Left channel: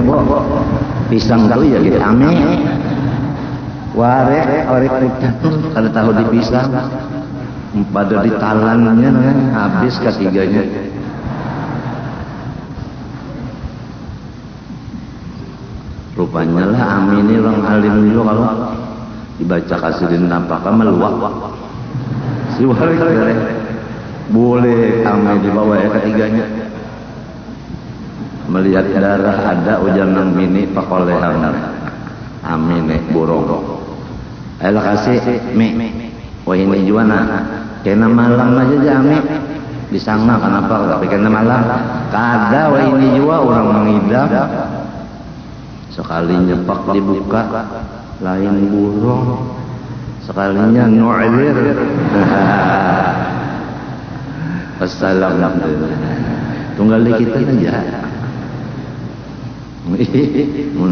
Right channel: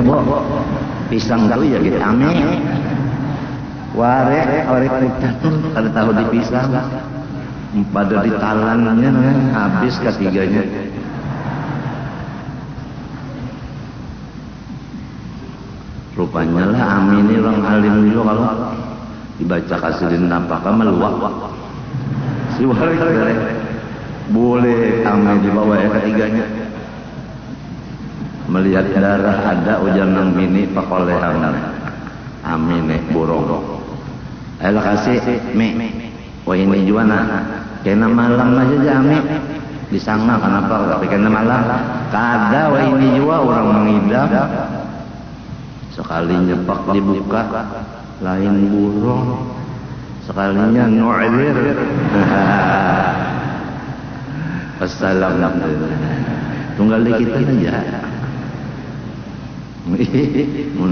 bobo pisang tahu ya gitu ame ware putih ada tahu di pisang pada ditalannya habis ketiganya. Rupanya lah ame ini orang alim juga kalau dibaca kasihin nampaknya meluap si ware boleh ame dibawa ketiganya. Melihat darah ada ujangan bini pakolehan amin borong alah kasih wah ini juana kena malam aja jami disangka kenapa tapi kena malam kada wah ini juga orang mengidap sekali nyepak dibuka lain burung sekalinya nu'lir assalamualaikum tunggal kita aja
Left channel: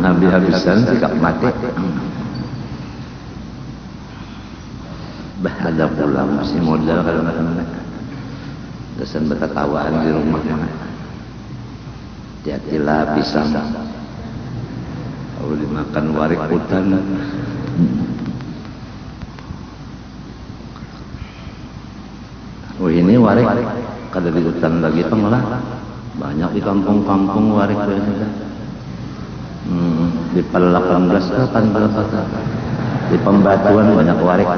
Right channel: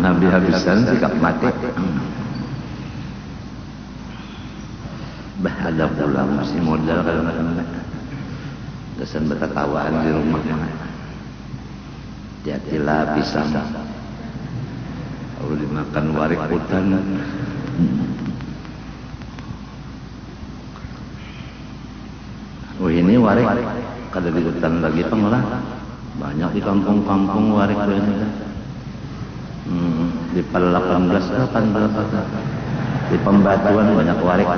habis-habisan tidak mati bah ada pula masih modal kalau nak dasar berketawaan di rumah jadilah bisa kalau dimakan warik hutan ini warik kada di hutan lagi pengelah banyak di kampung-kampung warik ini di Pel-18 kan berapa di Pembatuan banyak warik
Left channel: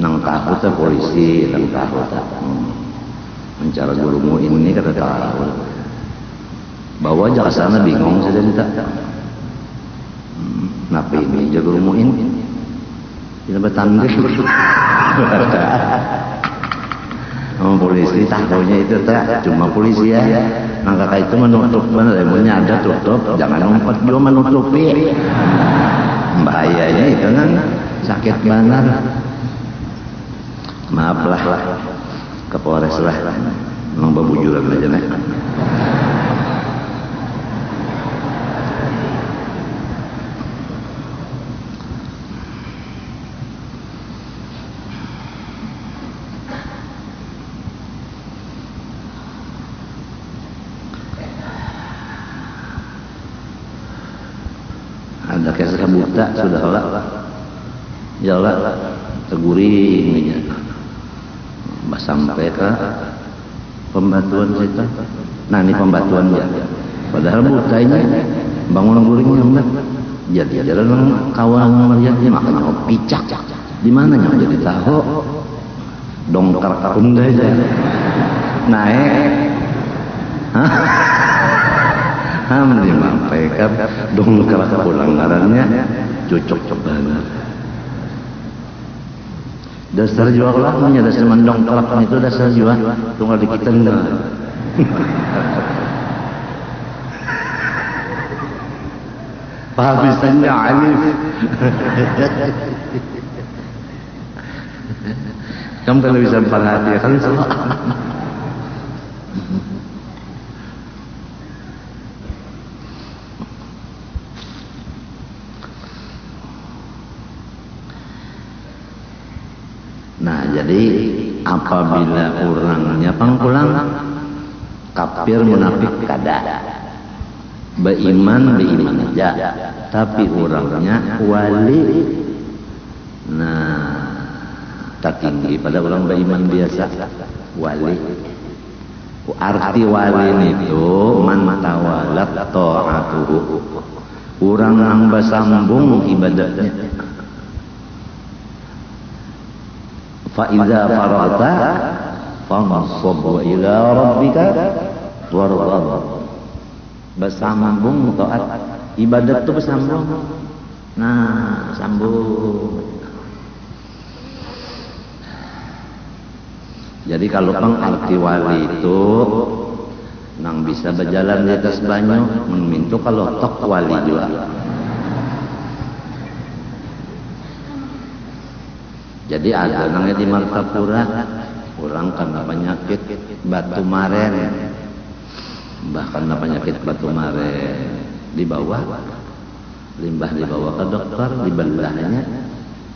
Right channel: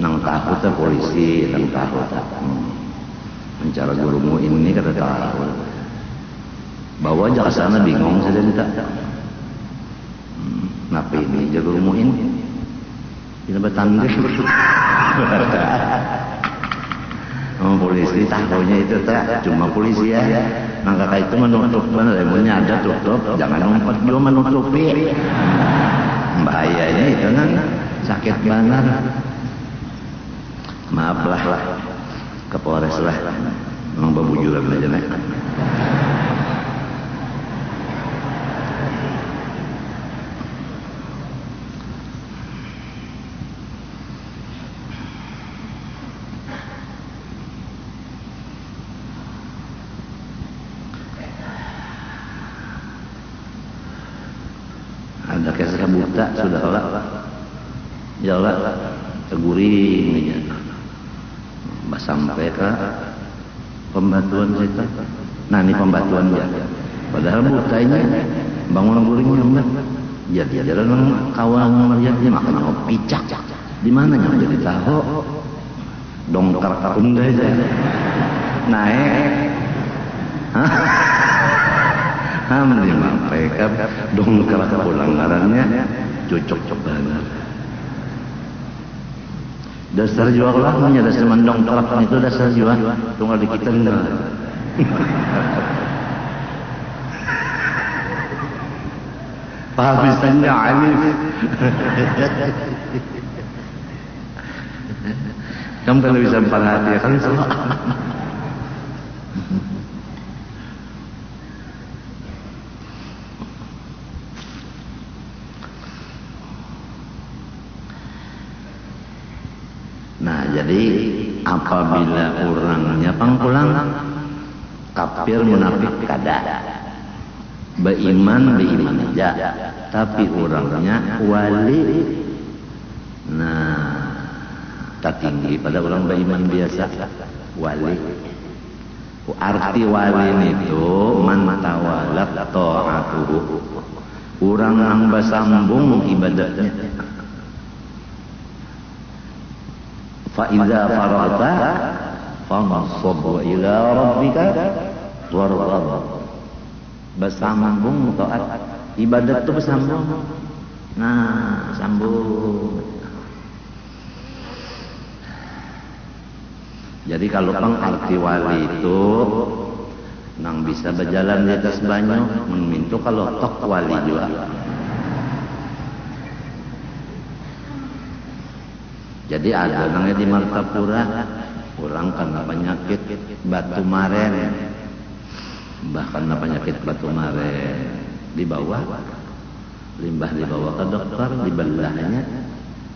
nang tahu tuh polisi nang tahu mencari gurumu ini kata tahu bawa aja ke sana bingung sudah minta kenapa ini jaga gurumu ini kita bertanding polisi tangkaunya itu cuma polisi ya maka itu menutup lemonnya ada tutup jangan ngumpet belum menutupi bahayanya itu kan sakit banget maaflah ke Polres lah memang babujur aja nih buta sudah lah ya Allah teguring sampai ke pembatuan kita nah ini pembatuan ya padahal buta ini bangunan guring enggak jadi jalan kawan melihatnya makan picak di mana yang jadi tahu dongkar enggak aja naik menyampaikan dongkar pelanggarannya cocok banget dasar jual lah dasar mendongkrak itu dasar jual tunggal di kita enggak pagi tengah ini kamu television perhatikan jadi apabila orangnya pangkulang kafir munafik kada beriman aja tapi orangnya wali nah tak tinggi pada orang beriman biasa wali arti wali itu man tawalat ta'atuhu orang yang bersambung ibadahnya فَإِذَا فَرَغْتَ فَانصَبْ إِلَى رَبِّكَ وَارْغَبْ bersambung taat ibadat itu bersambung nah sambung jadi kalau pengarti wali itu nang bisa berjalan di atas banyu memintu kalau tok wali juga jadi ada nangnya di Martapura orang karena penyakit batu maren bahkan penyakit batu maren dibawa limbah dibawa ke dokter dibelahnya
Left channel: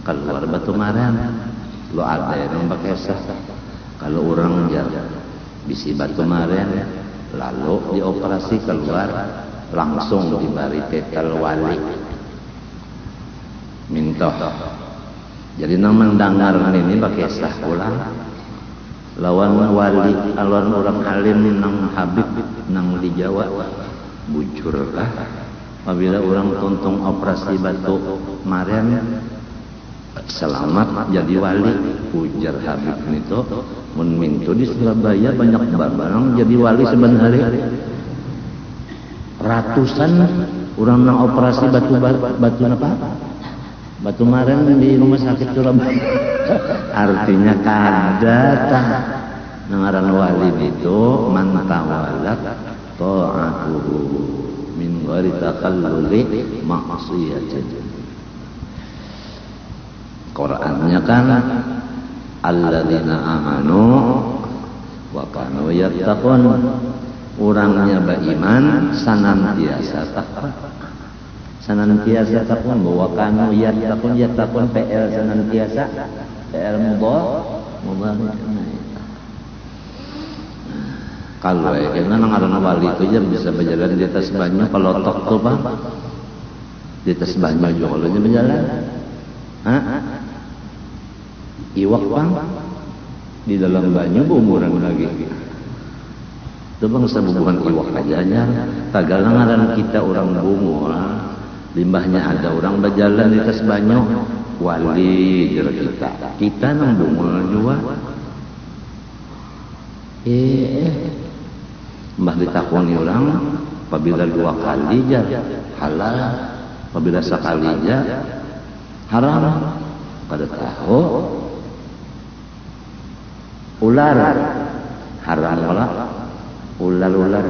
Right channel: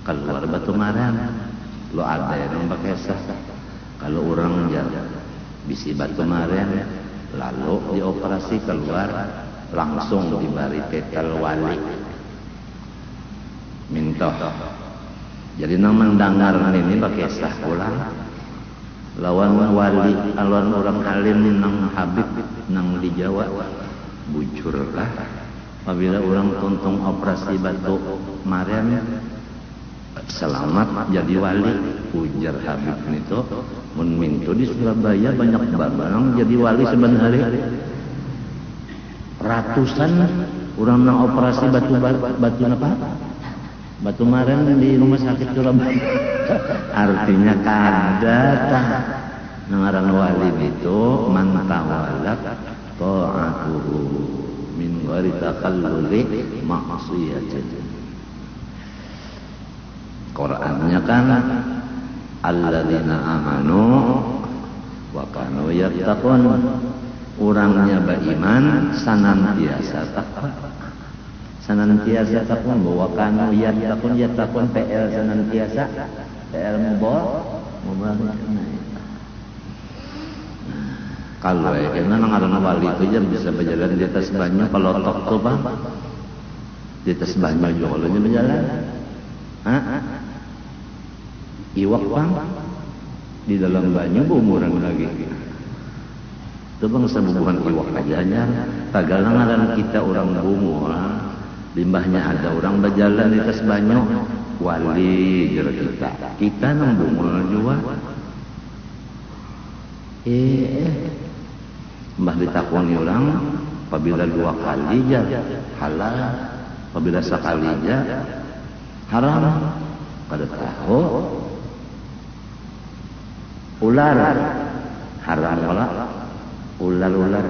keluar batu maren lo ada yang resah kalau orang bisa isi batu maren lalu dioperasi keluar langsung diberi titel wali minta. Jadi nang mendengar ini pakai sah ulang lawan wali lawan orang alim nang Habib nang di Jawa bujur lah apabila orang tuntung operasi batu maren selamat jadi wali ujar Habib itu mun mintu di Surabaya banyak barang jadi wali sebenarnya ratusan orang nang operasi batu apa batu maren di rumah sakit Surabaya artinya kada ngaran wali itu man tawalat ta'atuhu min ghairi takalluli ma'siyatin. Qur'annya kan alladzina amanu wa kanu yattaqun, orangnya beriman senantiasa takwa. Senantiasa takwa bahwa kanu yattaqun PL senantiasa PL mubah. Kalau ini ngaran wali itu ya bisa berjalan di atas banyu kalau tok tuh Bang. Di atas banyu juga kalau ini berjalan. Iwak Bang di dalam banyu berumuran lagi. Itu Bang sebubuhan iwak aja kagak ngaran kita orang bunga. Limbahnya ada orang berjalan di atas banyu wali jero kita nang bunga juga. Mbah ditakoni orang apabila 2 kali ya halal, apabila sekali ya haram. Pada tahu ular haram wala ular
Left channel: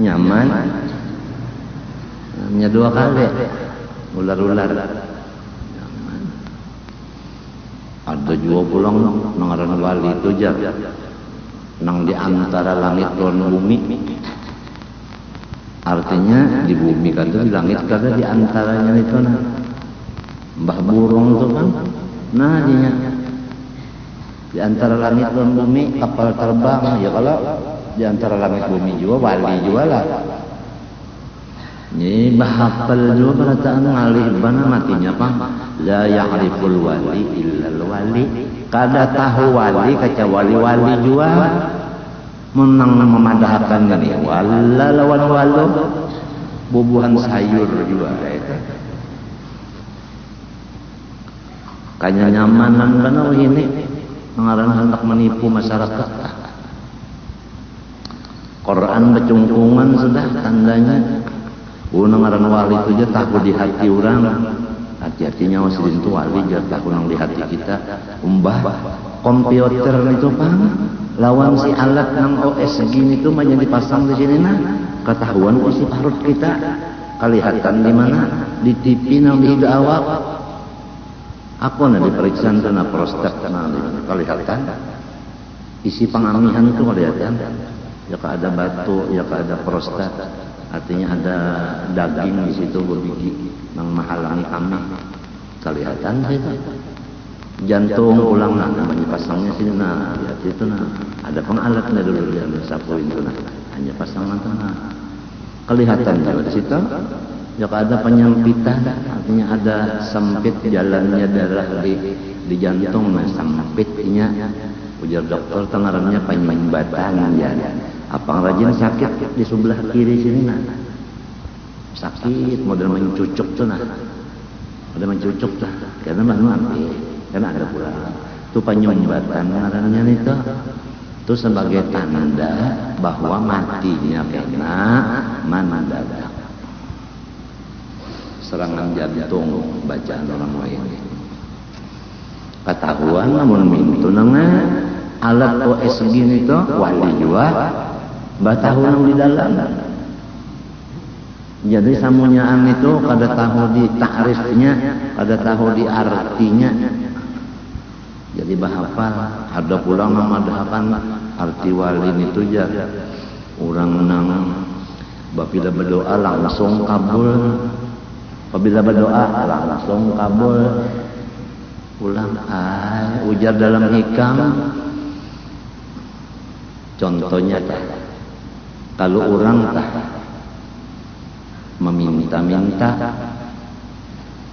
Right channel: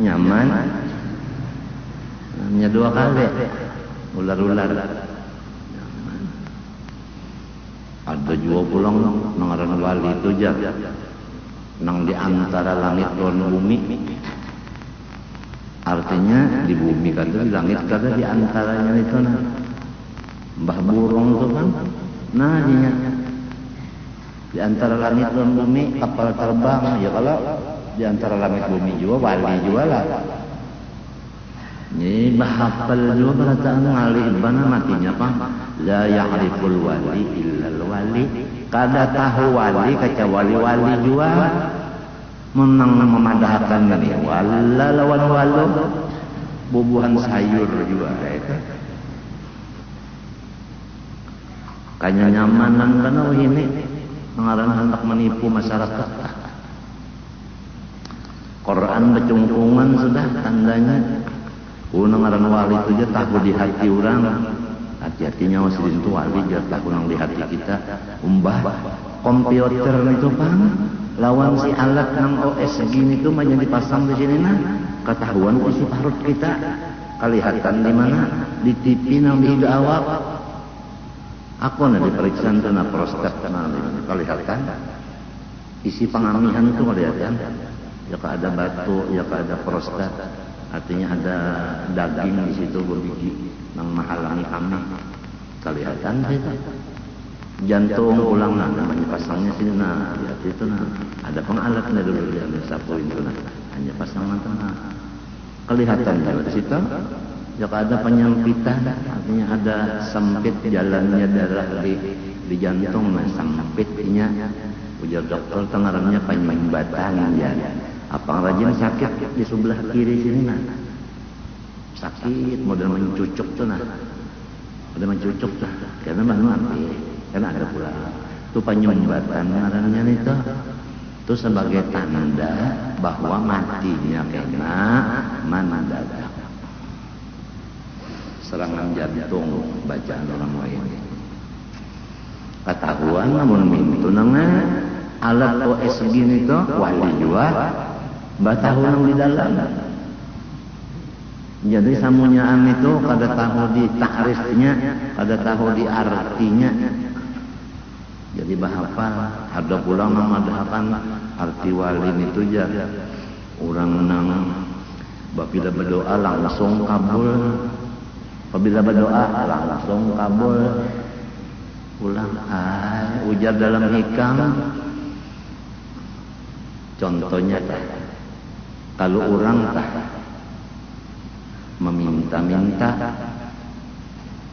nyaman hanya 2 kali ular ada juga pulang mengaran wali itu jar nang di antara langit dan bumi, artinya di bumi kada di langit kada di antaranya itu nah mbah burung itu kan nah di antara langit dan bumi kapal terbang ya kalau di antara langit bumi juga wali juga lah ini bahapal juga perasaan ngalih bana matinya apa la ya'riful wali illal wali kada tahu wali kecuali wali juga menang memadahkan ini wala lawan walu bubuhan sayur juga itu kayaknya nyamanan benar ini mengarang hendak menipu masyarakat. Quran becungkungan sudah tandanya ngaran wali itu aja tahu di hati orang. Hati-hatinya masih itu wali aja tahu nang di hati kita. Umbah komputer itu kan lawan si alat nang OS segini itu mah yang dipasang di sini nah ketahuan isi perut kita kelihatan di mana di TV nang di awak apa nih diperiksa itu na prostat nang kelihatan isi pengamihan itu kelihatan ya ada batu ya ada prostat artinya ada daging di situ berbiji nang menghalangi amah kelihatan sih jantung ulang nah dipasangnya sini nah itu nah ada pengalatnya dulu yang sapu itu nah hanya pasangan tengah kelihatan dari situ ya ada penyempitan artinya ada sempit jalannya darah di jantung nah sempitnya ujar dokter tengarannya penyumbatan ya apa rajin sakit di sebelah kiri sini nah sakit model mencucuk tuh nah ada mencucuk lah karena mana karena ada pula itu penyumbatan namanya itu sebagai tanda bahwa matinya kena mendadak serangan jantung bacaan orang lain ketahuan namun mintu nanga alat OS gini tuh wali juga batahun di dalam jadi samunyaan itu kada tahu di takrifnya kada tahu di artinya. Jadi bahapal ada pulang memadahkan arti wali itu ya orang nang apabila berdoa langsung kabul apabila berdoa langsung kabul ulang ujar dalam hikam Contohnya kalau orang meminta-minta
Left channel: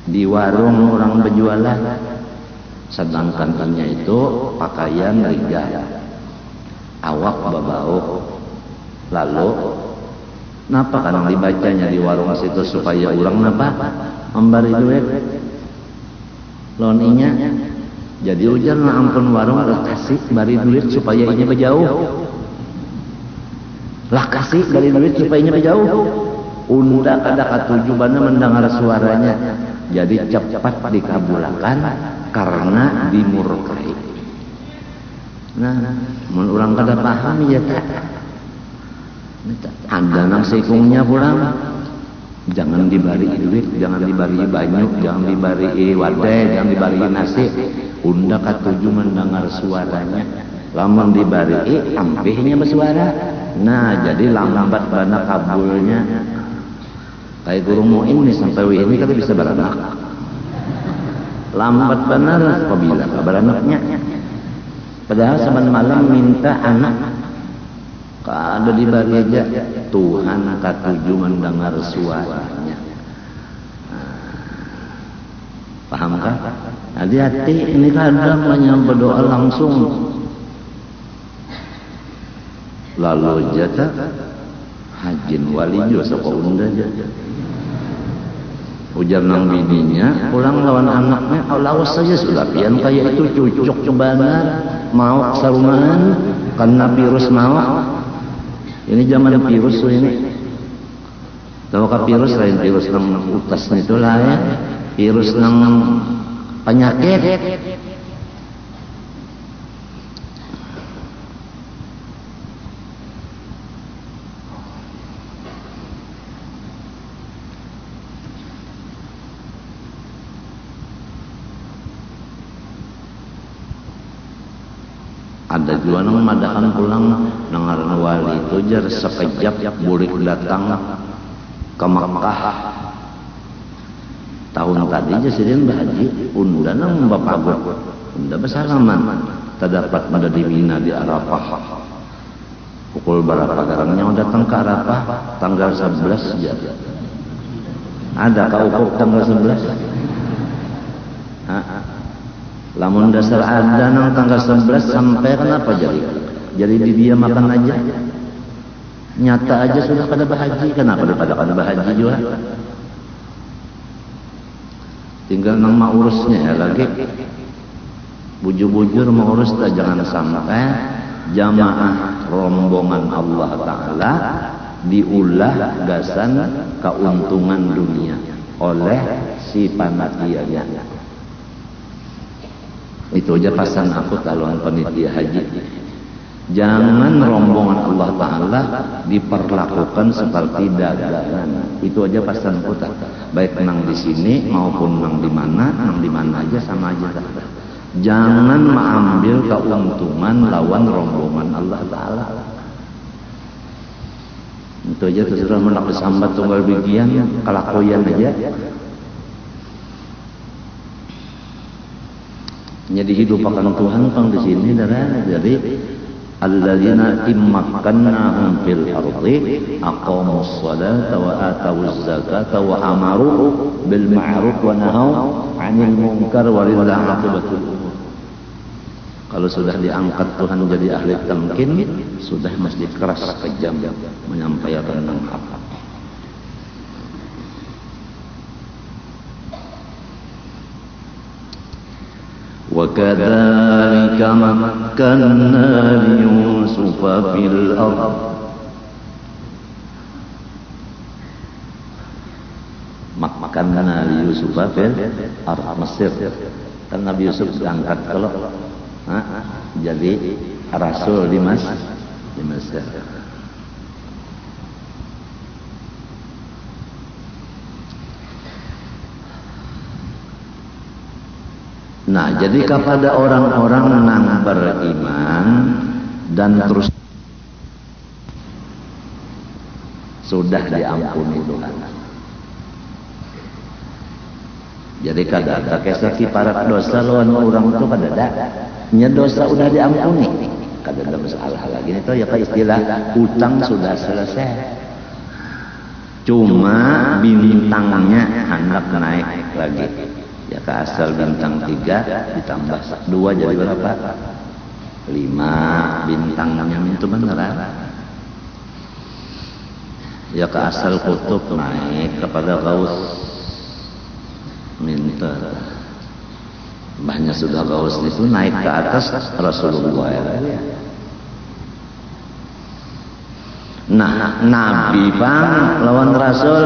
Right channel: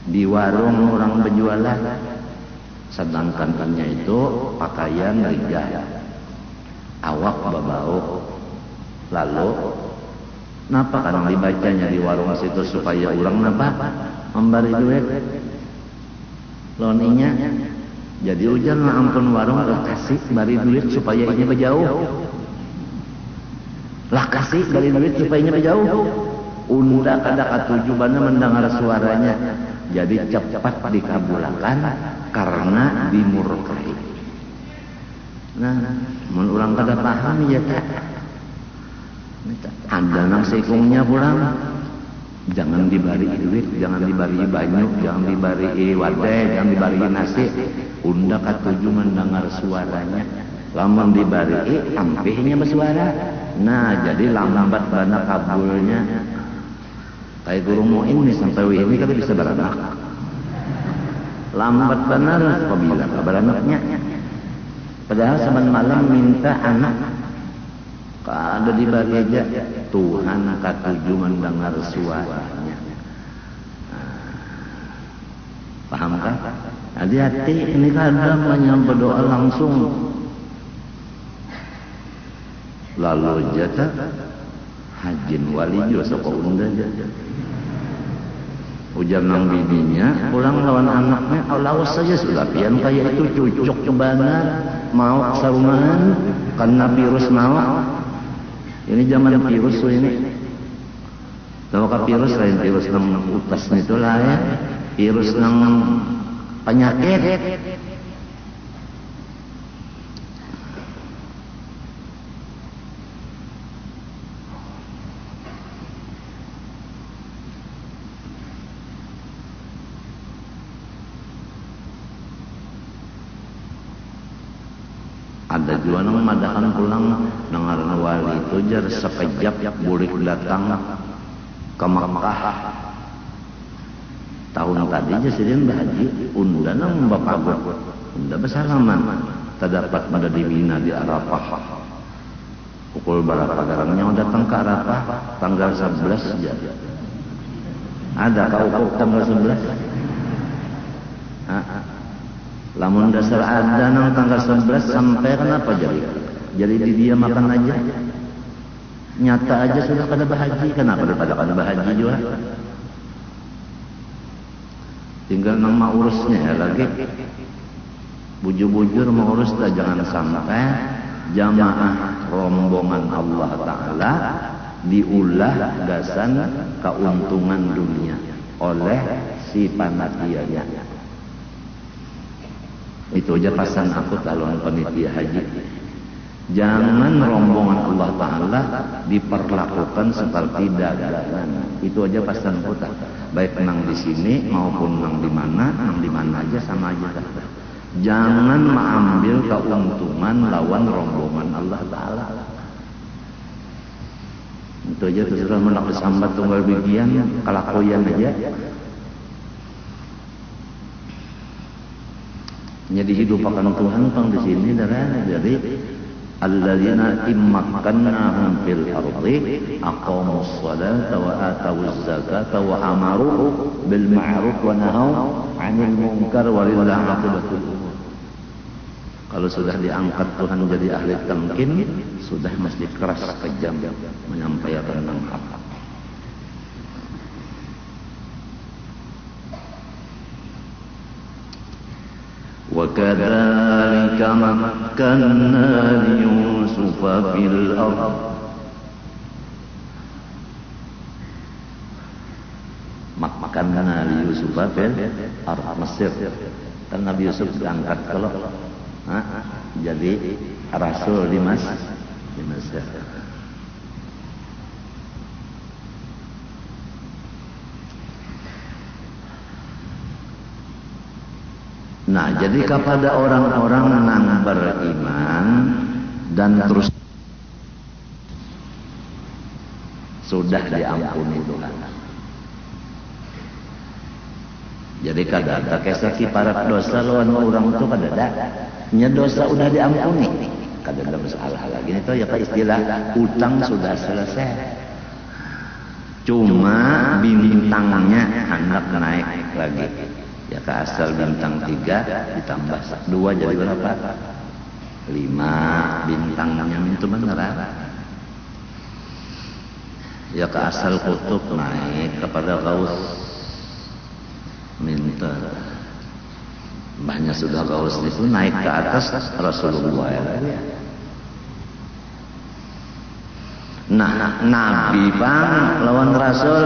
di warung orang berjualan, sedangkan ini itu pakaian rijal, awak babau, lalu napa kadang dibacanya di warung situ supaya orang napa memberi duit loninya, jadi ujar lah ampun warung lah kasih beri duit supaya ini berjauh, lah kasih beri duit supaya ini berjauh. Unda kada katujubannya mendengar suaranya, jadi cepat dikabulkan karena dimurkai. Nah, mun urang kada paham ya tak. Anda nang sikungnya pulang, jangan dibari duit, jangan dibari banyu, jangan dibari wadai, jangan dibari nasi. Unda katuju mendengar suaranya. Lamun dibari ampihnya bersuara. Nah, jadi lambat bana kabulnya. Kayak guru mu'in nih sampai ini kan bisa beranak. Lambat benar apabila beranaknya. Padahal saban malam minta anak. Ada di bageja Tuhan katuju mendengar suaranya. Pahamkah? Hati-hati ini kadang menyambut doa langsung. Lalu jata hajin wali juga sapa unda aja. Ujar nang bininya, pulang lawan anaknya, lawas saja sudah. Yang kayak itu cucuk cobana, mau saruman, karena virus mau. Ini zaman virus ini. Tahu virus lain virus nang utas itu lain, virus nang penyakit. Ada juga nang madakan pulang nangaran wali itu jar sekejap bulik datang ke Makkah. Tahun tadi aja sidin berhaji, unda nang bapagot, unda bersalaman, terdapat pada di Mina di Arafah. Pukul berapa garangnya datang ke Arafah tanggal 11 ya. Ada kau tanggal 11? Lamun dasar ada nang tanggal 11 sampai kenapa jadi? Jadi dia makan aja. Nyata aja sudah pada berhaji, kenapa pada berhaji juga? Tinggal nama urusnya lagi. Bujur-bujur mengurus jangan sampai jamaah rombongan Allah Ta'ala diulah gasan keuntungan dunia oleh si panitianya. Itu aja pesan aku calon panitia haji. Jangan rombongan Allah Ta'ala diperlakukan seperti dagangan. Itu aja pesan kita. Baik nang di sini maupun nang di mana aja sama aja. Jangan mengambil keuntungan lawan rombongan Allah Ta'ala. Itu aja terserah menak sambat tunggal bigian kelakuan aja. Jadi hidup akan Tuhan kan di sini jadi alladzina immakannahum fil ardi aqamus salata wa atawuz zakata wa amaru bil ma'ruf wa nahaw 'anil munkar walillahi aqibatul umur. Kalau sudah diangkat Tuhan jadi ahli tamkin, sudah mesti keras kejam menyampaikan apa. وَكَذَلِكَ مَكَّنَّا لِيُوسُفَ فِي الْأَرْضِ مَكَّنَّا لِيُوسُفَ فِي الْأَرْضِ Mesir. Kan Nabi Yusuf diangkat kalau jadi rasul di Mesir. Nah, jadi kepada orang-orang yang beriman dan terus sudah diampuni Tuhan. Jadi kada ada kisah kiparat dosa lawan orang itu kada ada. Nya dosa udah diampuni. kada ada masalah lagi itu ya kan istilah utang sudah selesai. Cuma bintangnya hendak naik lagi. Ya ke asal bintang 3 ditambah 2 jadi berapa? 5 bintangnya itu benar ya. Ya ke asal kutub naik kepada gaus minta banyak sudah gaus itu naik ke atas Rasulullah. Nah Nabi bang lawan Rasul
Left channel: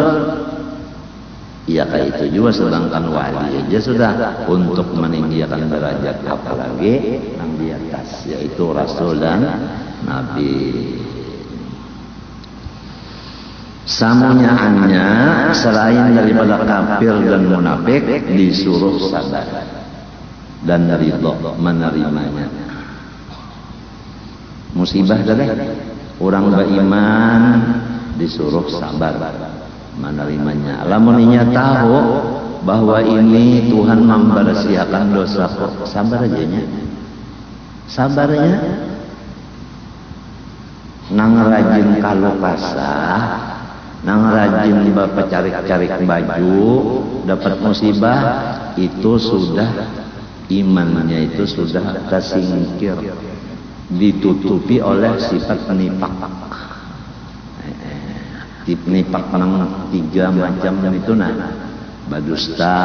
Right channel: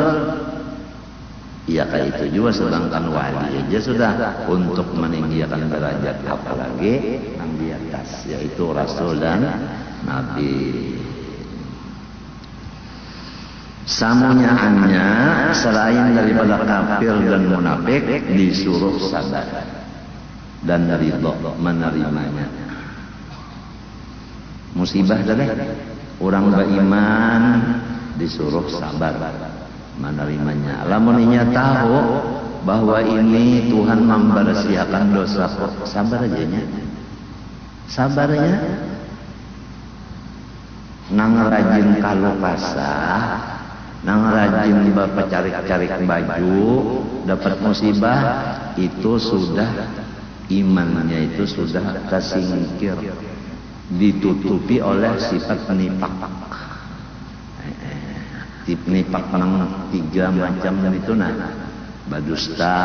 ya kayak itu juga, sedangkan wali aja sudah untuk meninggikan derajat apalagi yang di atas yaitu Rasul dan Nabi. Samunyaannya selain daripada kafir dan munafik disuruh sabar dan ridho menerimanya. Musibah kada orang beriman disuruh sabar menerimanya. Lamun inya tahu bahwa ini Tuhan membersihakan dosa, sabar aja nya. Sabarnya nang rajin kalau kasah, nang rajin bapak cari-cari baju, dapat musibah itu sudah imannya itu sudah tersingkir, ditutupi oleh sifat nifak. Nifak nang 3 macam itu nah, badusta,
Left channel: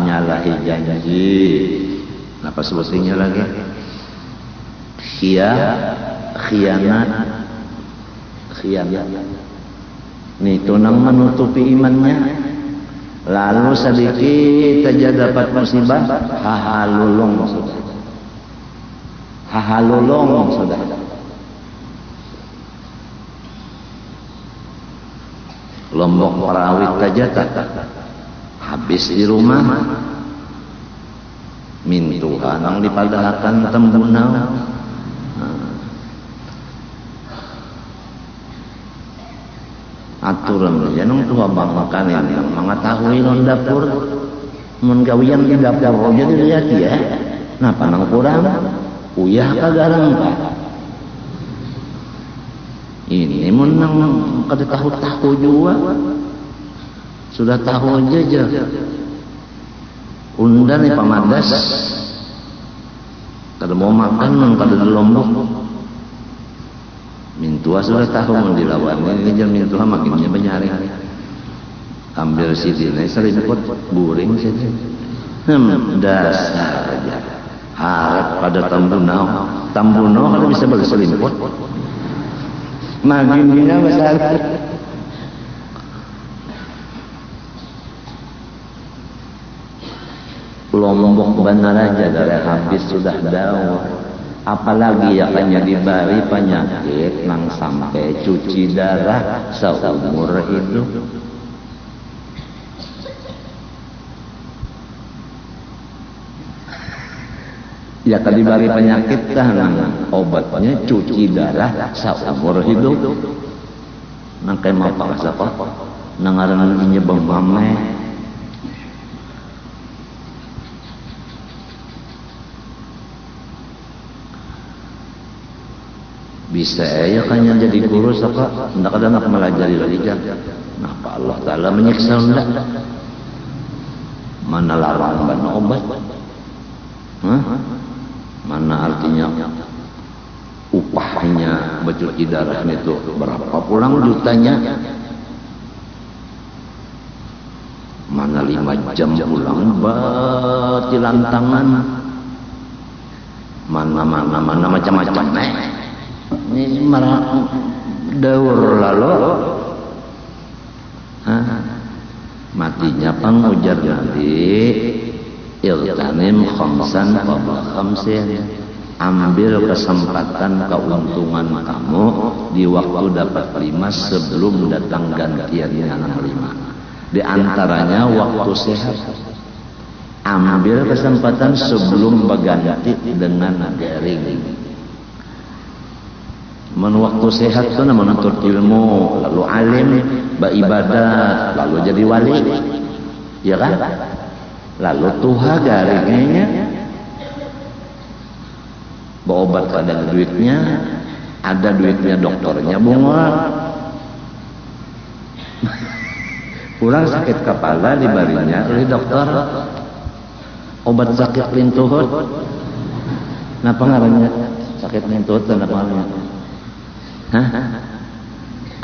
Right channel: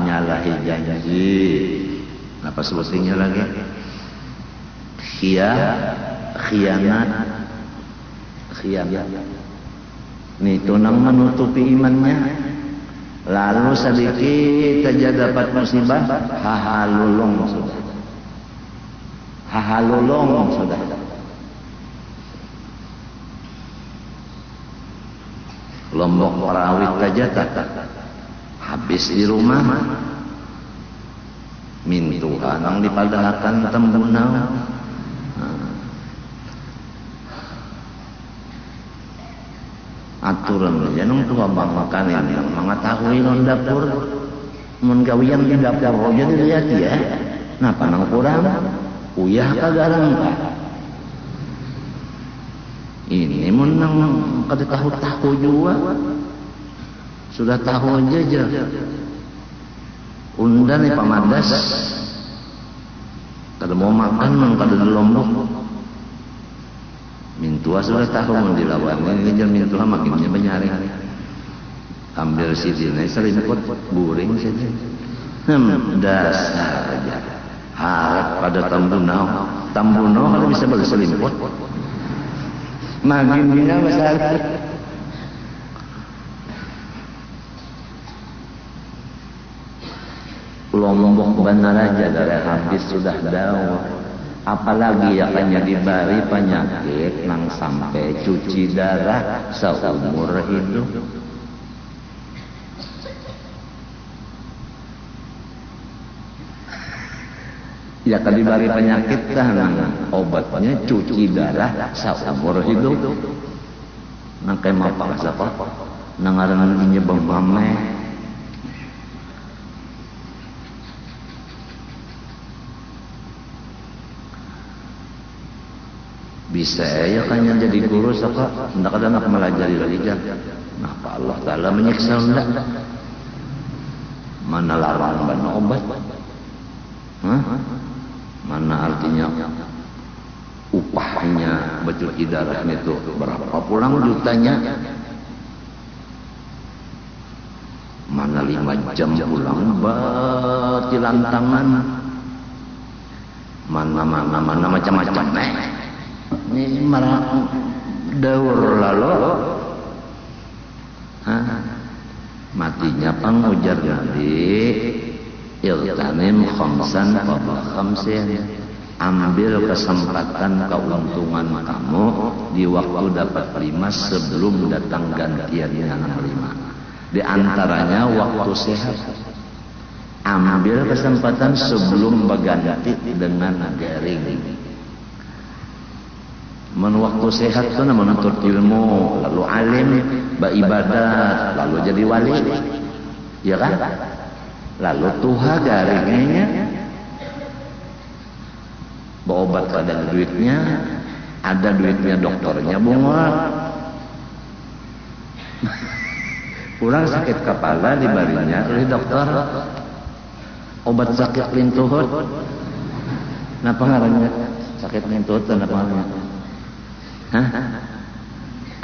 nyalahi janji, apa sebetulnya lagi? Khianat. Ini itu nang menutupi imannya. Lalu sedikit saja dapat musibah, hahalulung sudah. Hahalulung sudah. Lombok parawit saja tak habis di rumah. Mintuhan yang dipadahkan tembunau. Aturan ya nang tua bang makanin mengetahui non dapur menggawian di dapur jadi lihat ya ngapa nang kurang uyah kagarang pak ini menang kada tahu juga sudah tahu aja undan nih pamadas kada mau makan nang kada di Lombok. Mintua sudah tahu mau dilawan ini jam mintua makinnya benyari ambil sidine selingkut buring saja dasar aja harap pada tambunau kada bisa berselingkut maginnya besar Lombok benar aja gara habis sudah daun. Apalagi yang hanya dibari penyakit nang sampai cuci darah seumur hidup. Ya kan dibari penyakit kan obatnya cuci darah seumur hidup. Nang kayak mau paksa apa? Nang aran nyebang mame. Bisa ya kan yang jadi guru apa hendak ada nak melajari lagi jangan. Napa Allah Taala menyiksa hendak? Mana larang ban obat? Mana artinya upahnya bercuci darah itu berapa pulang jutanya? Mana 5 jam pulang batilan tangan? Mana macam-macam ini malah daur lalu matinya pang ujar jadi iltanim khamsan qabla khamsin, ambil kesempatan keuntungan kamu di waktu dapat 5 sebelum datang gantiannya 5. Di antaranya waktu sehat, ambil kesempatan sebelum berganti dengan daring. Waktu sehat itu menuntut ilmu, lalu alim, beribadah, lalu jadi wali, ya kan? Lalu tuha garingnya berobat ada duitnya dokternya bunga. Pulang sakit kepala dibarinya oleh dokter obat sakit lintuhut. Napa ngarannya sakit lintuhut dan apa namanya?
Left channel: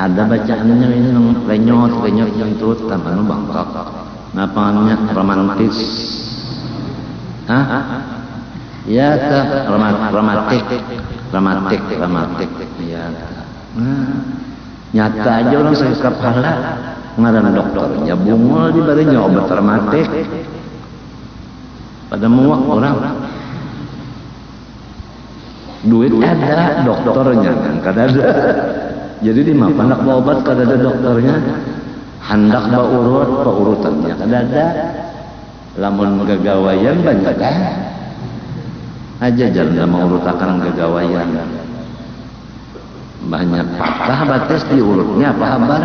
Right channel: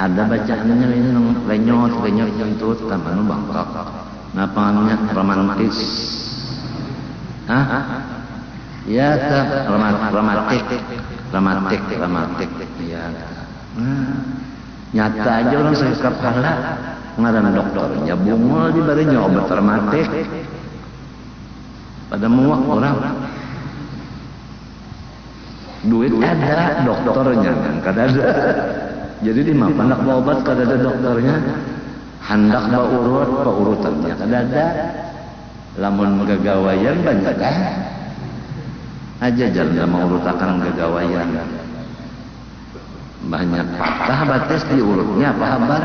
Ada bacaannya ini renyot lintuhut kan anu bangkok. Napa namanya romantis? Ya teh rematik ya. Nyata aja orang sakit kepala ngaran dokternya bungul dibarinya obat rematik pada muak orang duit ada dokternya kan kadada jadi di mana obat kadada dokternya hendak urutannya kadada lamun gagawayan banyak kan aja jangan mau urutakan gagawayan banyak patah batas diurutnya apa kabar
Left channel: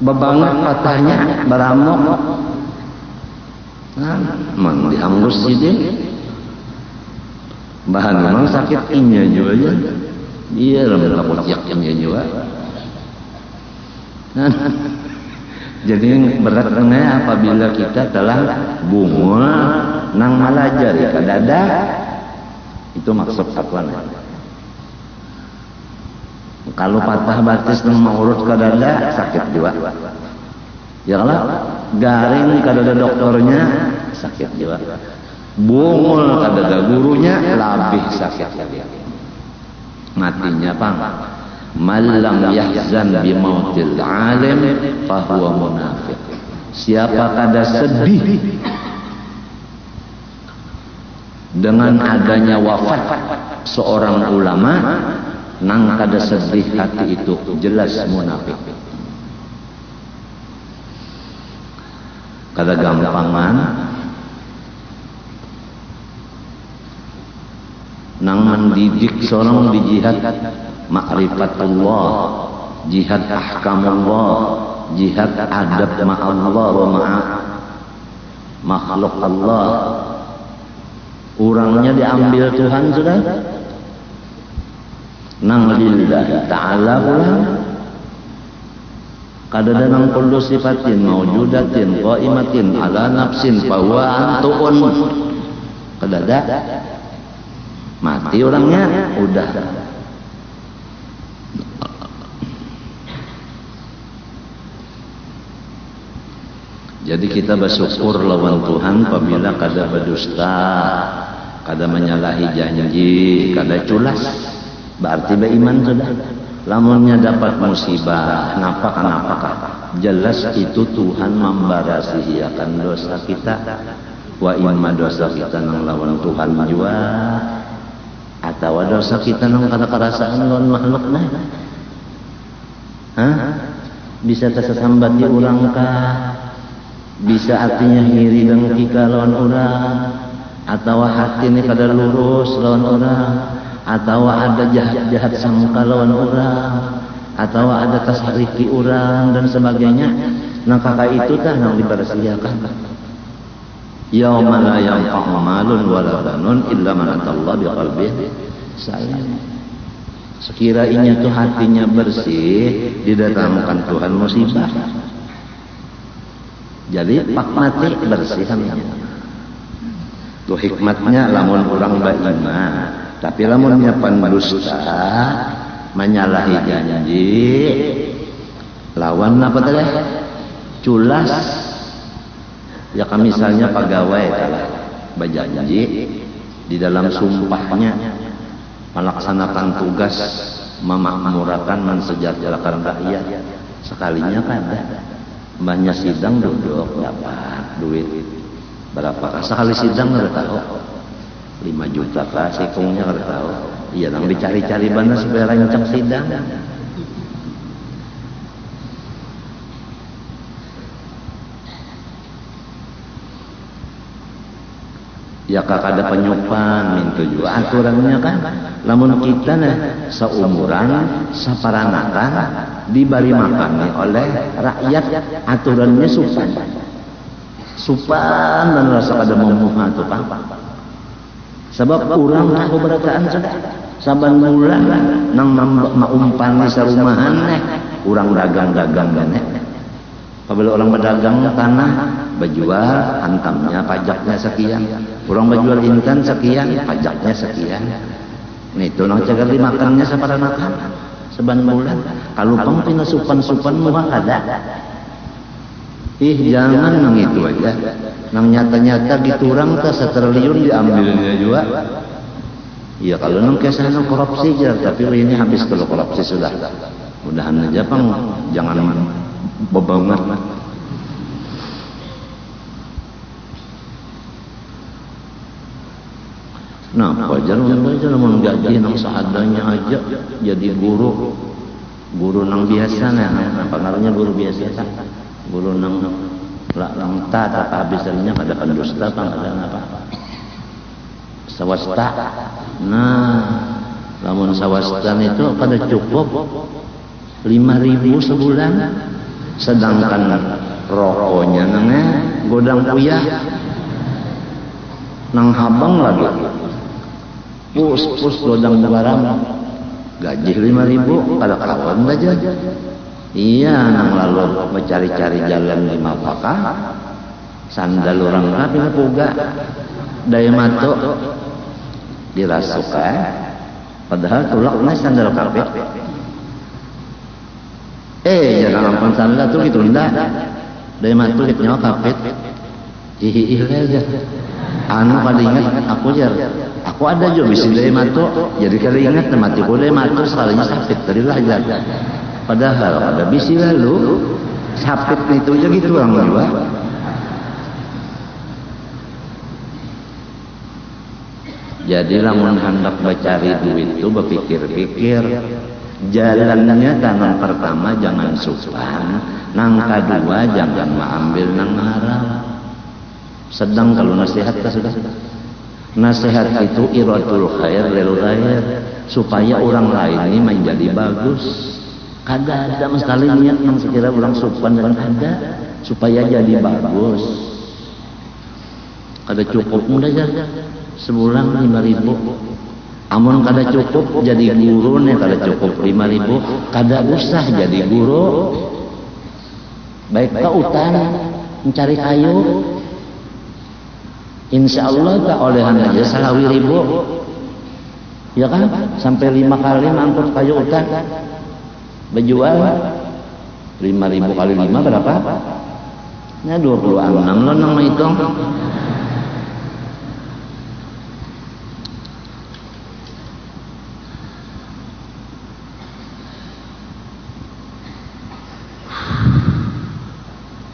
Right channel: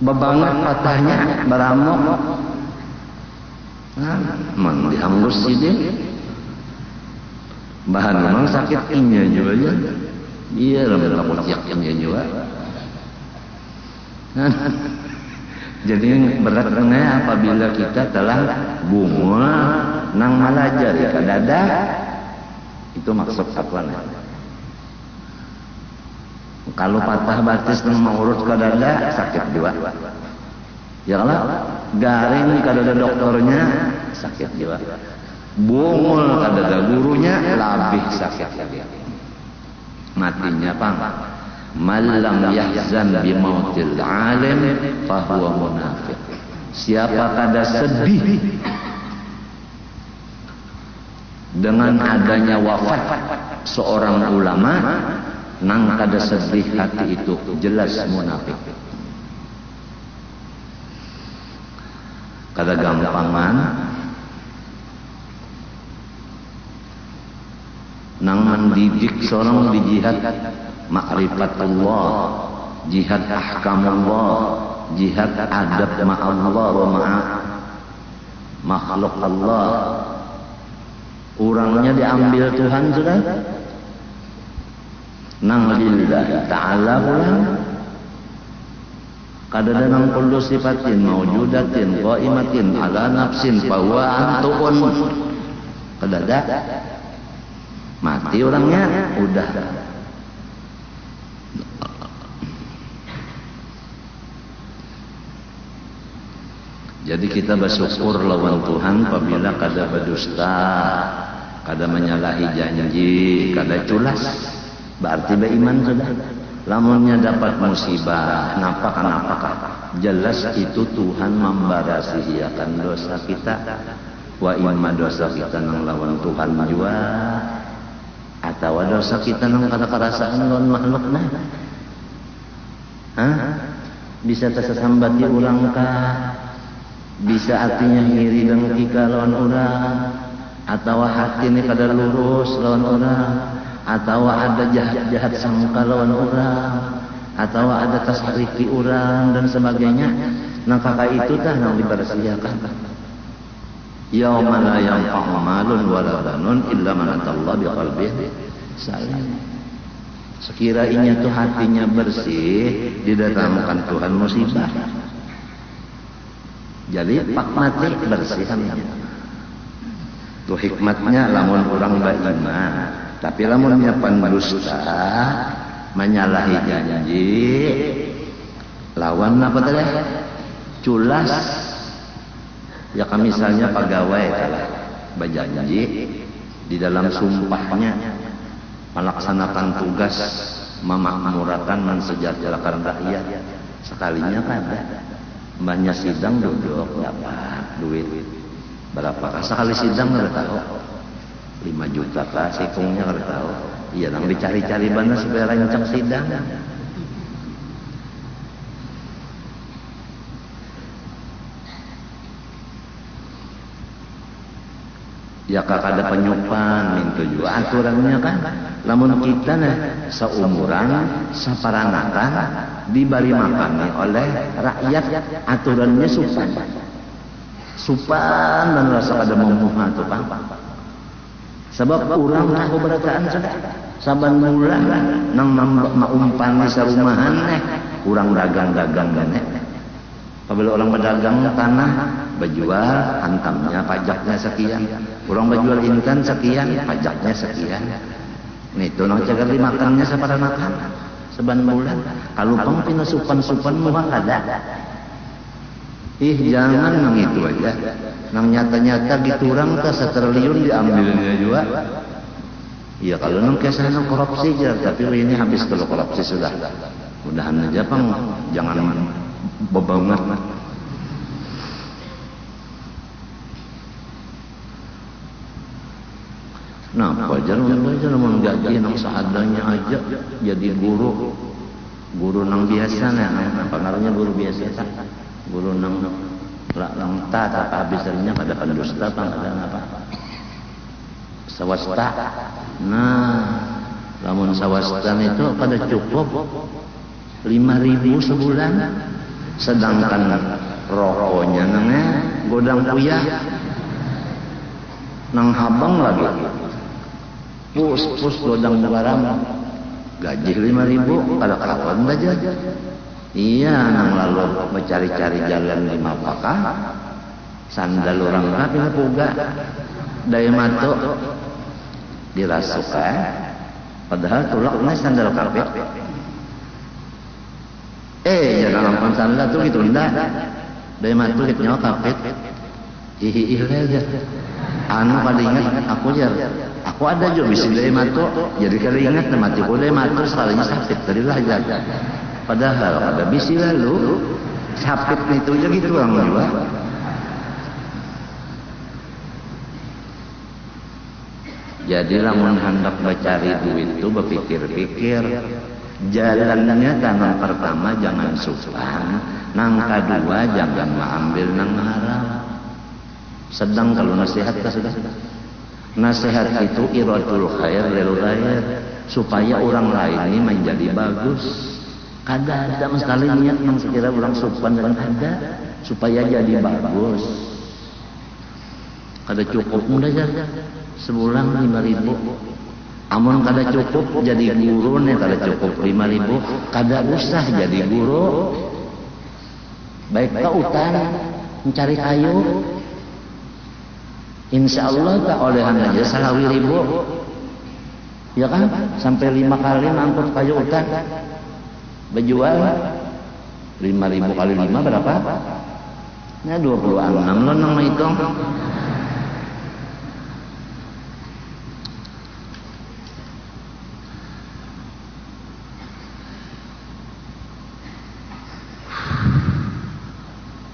bebanget patahnya baramok mang dianggus saja bahan memang sakit inya juga ya dia lengkap usiak inya juga jadi beratnya apabila kita telah bungul nang malajari kadada itu maksud apa? Kalau patah batis nang maurut kadada sakit juga. Ya Allah, garing kadada dokternya sakit juga. Bungul kadada gurunya lebih sakit lagi. Matinya pang. Malam yahzan bi mautil alim fahuwa munafiq. Siapa kada sedih dengan adanya wafat seorang ulama, nang kada sedih hati itu jelas munafik. Kada gampangan nang mendidik seorang di jihad ma'rifatullah, jihad ahkamullah, jihad adab ma'allah wa ma'a makhluk Allah. Orangnya diambil Tuhan sudah nang lillahi ta'ala kadada nang kullu sifatin mawjudatin qaimatin ala nafsin bahwa antuun kadada mati orangnya udah. Jadi kita bersyukur lawan Tuhan apabila kada berdusta, kada menyalahi janji, kada tulas berarti beriman sudah. Lamunnya dapat musibah, kenapa? Jelas itu Tuhan membarasihiakan dosa kita. Wa imma dosa kita nang lawan Tuhan juga, atau dosa kita nang karasaan lawan makhluk lain. Bisa kesambati ulang kah? Bisa hatinya ngiri dan kita lawan orang, atau hatinya kada lurus lawan orang, atau ada jahat sangka lawan orang, atau ada tasarifi orang dan sebagainya. Nah kakak itu kan yang dibersihakan. Yauma la yanfa'u malun wala banun illa man atallaha biqalbin salim. Sekiranya itu hatinya bersih, didatangkan Tuhan musibah. Jadi pak mati bersih kan. Itu hikmatnya lamun orang beriman. Tapi lamunnya pendusta, menyalahi janji, lawan apa tadi? Culas. Ya kan misalnya pegawai telah berjanji di dalam sumpahnya melaksanakan tugas memakmurkan mensejahterakan rakyat, sekalinya kada banyak sidang duduk dapat duit berapa sekali sidang nggak tahu 5 juta kah sikungnya nggak tahu. Iya nang dicari-cari mana supaya rancang sidang. Ya kak ada penyupan itu juga aturannya kan. Lamun kita nah seumuran saparanakan diberi makan oleh rakyat, aturannya supan dan rasa ada memuha itu pak. Sebab urang aku berataan sudah saban bulan nang maumpani sarumahan urang dagang-dagang banyak. Apabila orang berdagang tanah berjual hantamnya pajaknya sekian, orang berjual intan sekian pajaknya sekian. Itu nang cegali makannya sabar makan saban bulan. Kalau pang punya supan-supan murah ada. Jangan mengitu aja. Nang nyata-nyata diturang ke 1 triliun diambilnya juga. Ya kalau nang kesana korupsi ya, tapi ini habis kalau korupsi sudah. Mudahan aja pang jangan bebanget. Nah, wajar mun gaji nang seadanya aja jadi guru nang biasa pengaruhnya guru biasa kan. Guru nang langta tak habisannya kada pendusta pangkalan apa swasta. Nah lamun swasta itu kada cukup 5.000 sebulan, sedangkan rokoknya nangnya godang puyah nang habang lagi pus godang barang gaji 5.000 kada kawan aja. Iya, nang lalu mencari-cari jalan di Mapaka, sandal orang rapi ngapuga, daya mato dirasuk padahal tulaknya sandal kape. Jangan lampang sandal tuh ditunda, daya mato ditnya kape. Ih aja. Anu kali ingat aku ada juga bisa daya mato, jadi kali ingat matiku daya mato sekalinya sakit terilah aja. Padahal ada bisi lalu sapit itu aja gitu orang dua. Jadi lamun hendak mencari duit itu berpikir-pikir jalannya. Tangan pertama jangan susan, nang kedua jangan mengambil nang haram. Sedang kalau nasihat sudah. Nasihat itu iratul khair lil ghair, supaya orang lain ini menjadi bagus. Ada mesti niat nang sekira orang sopan yang ada supaya jadi bagus. Kada cukup mudah aja sebulan 5.000. Amun kada cukup jadi guru nih kada cukup 5.000, kada usah jadi guru. Baik ke utang mencari kayu. Insya Allah tak olehan aja 1.000. Ya kan sampai 5 kali ngangkut kayu utang. Berjual 5.000 kali 5 berapa? Ya 26 lo nang hitung.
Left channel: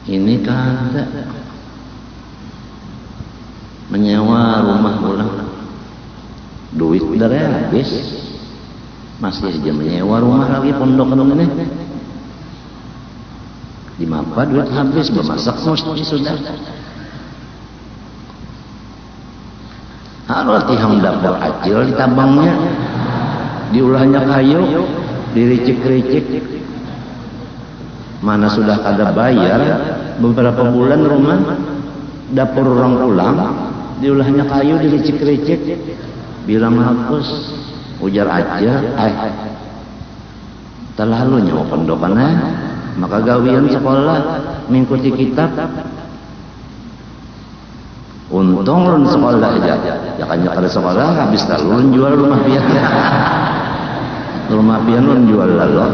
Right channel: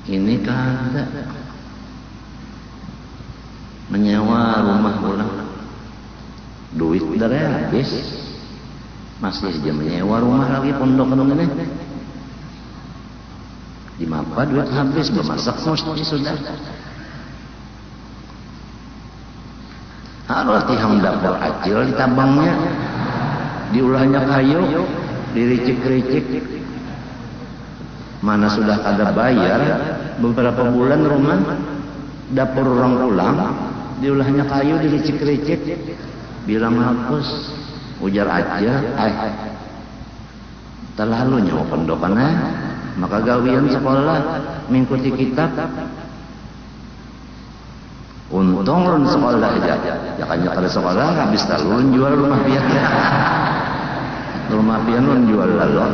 Ini kan menyewa rumah orang, duit dari habis. Masih aja menyewa rumah lagi pondok ini. Di mapa duit habis bermasak mesti sudah. Arti hendak beracil di tabangnya, diulahnya kayu, diricik-ricik. Mana sudah kada bayar beberapa bulan rumah, dapur orang pulang, diulahnya kayu, diricik-ricik, bilang hapus. Ujar aja, terlalu nyawa pendokannya, maka gawian sekolah mengikuti kitab. Untung sekolah aja, jangan kada sekolah habis lalu jual rumah pian. Rumah pian jual lalu.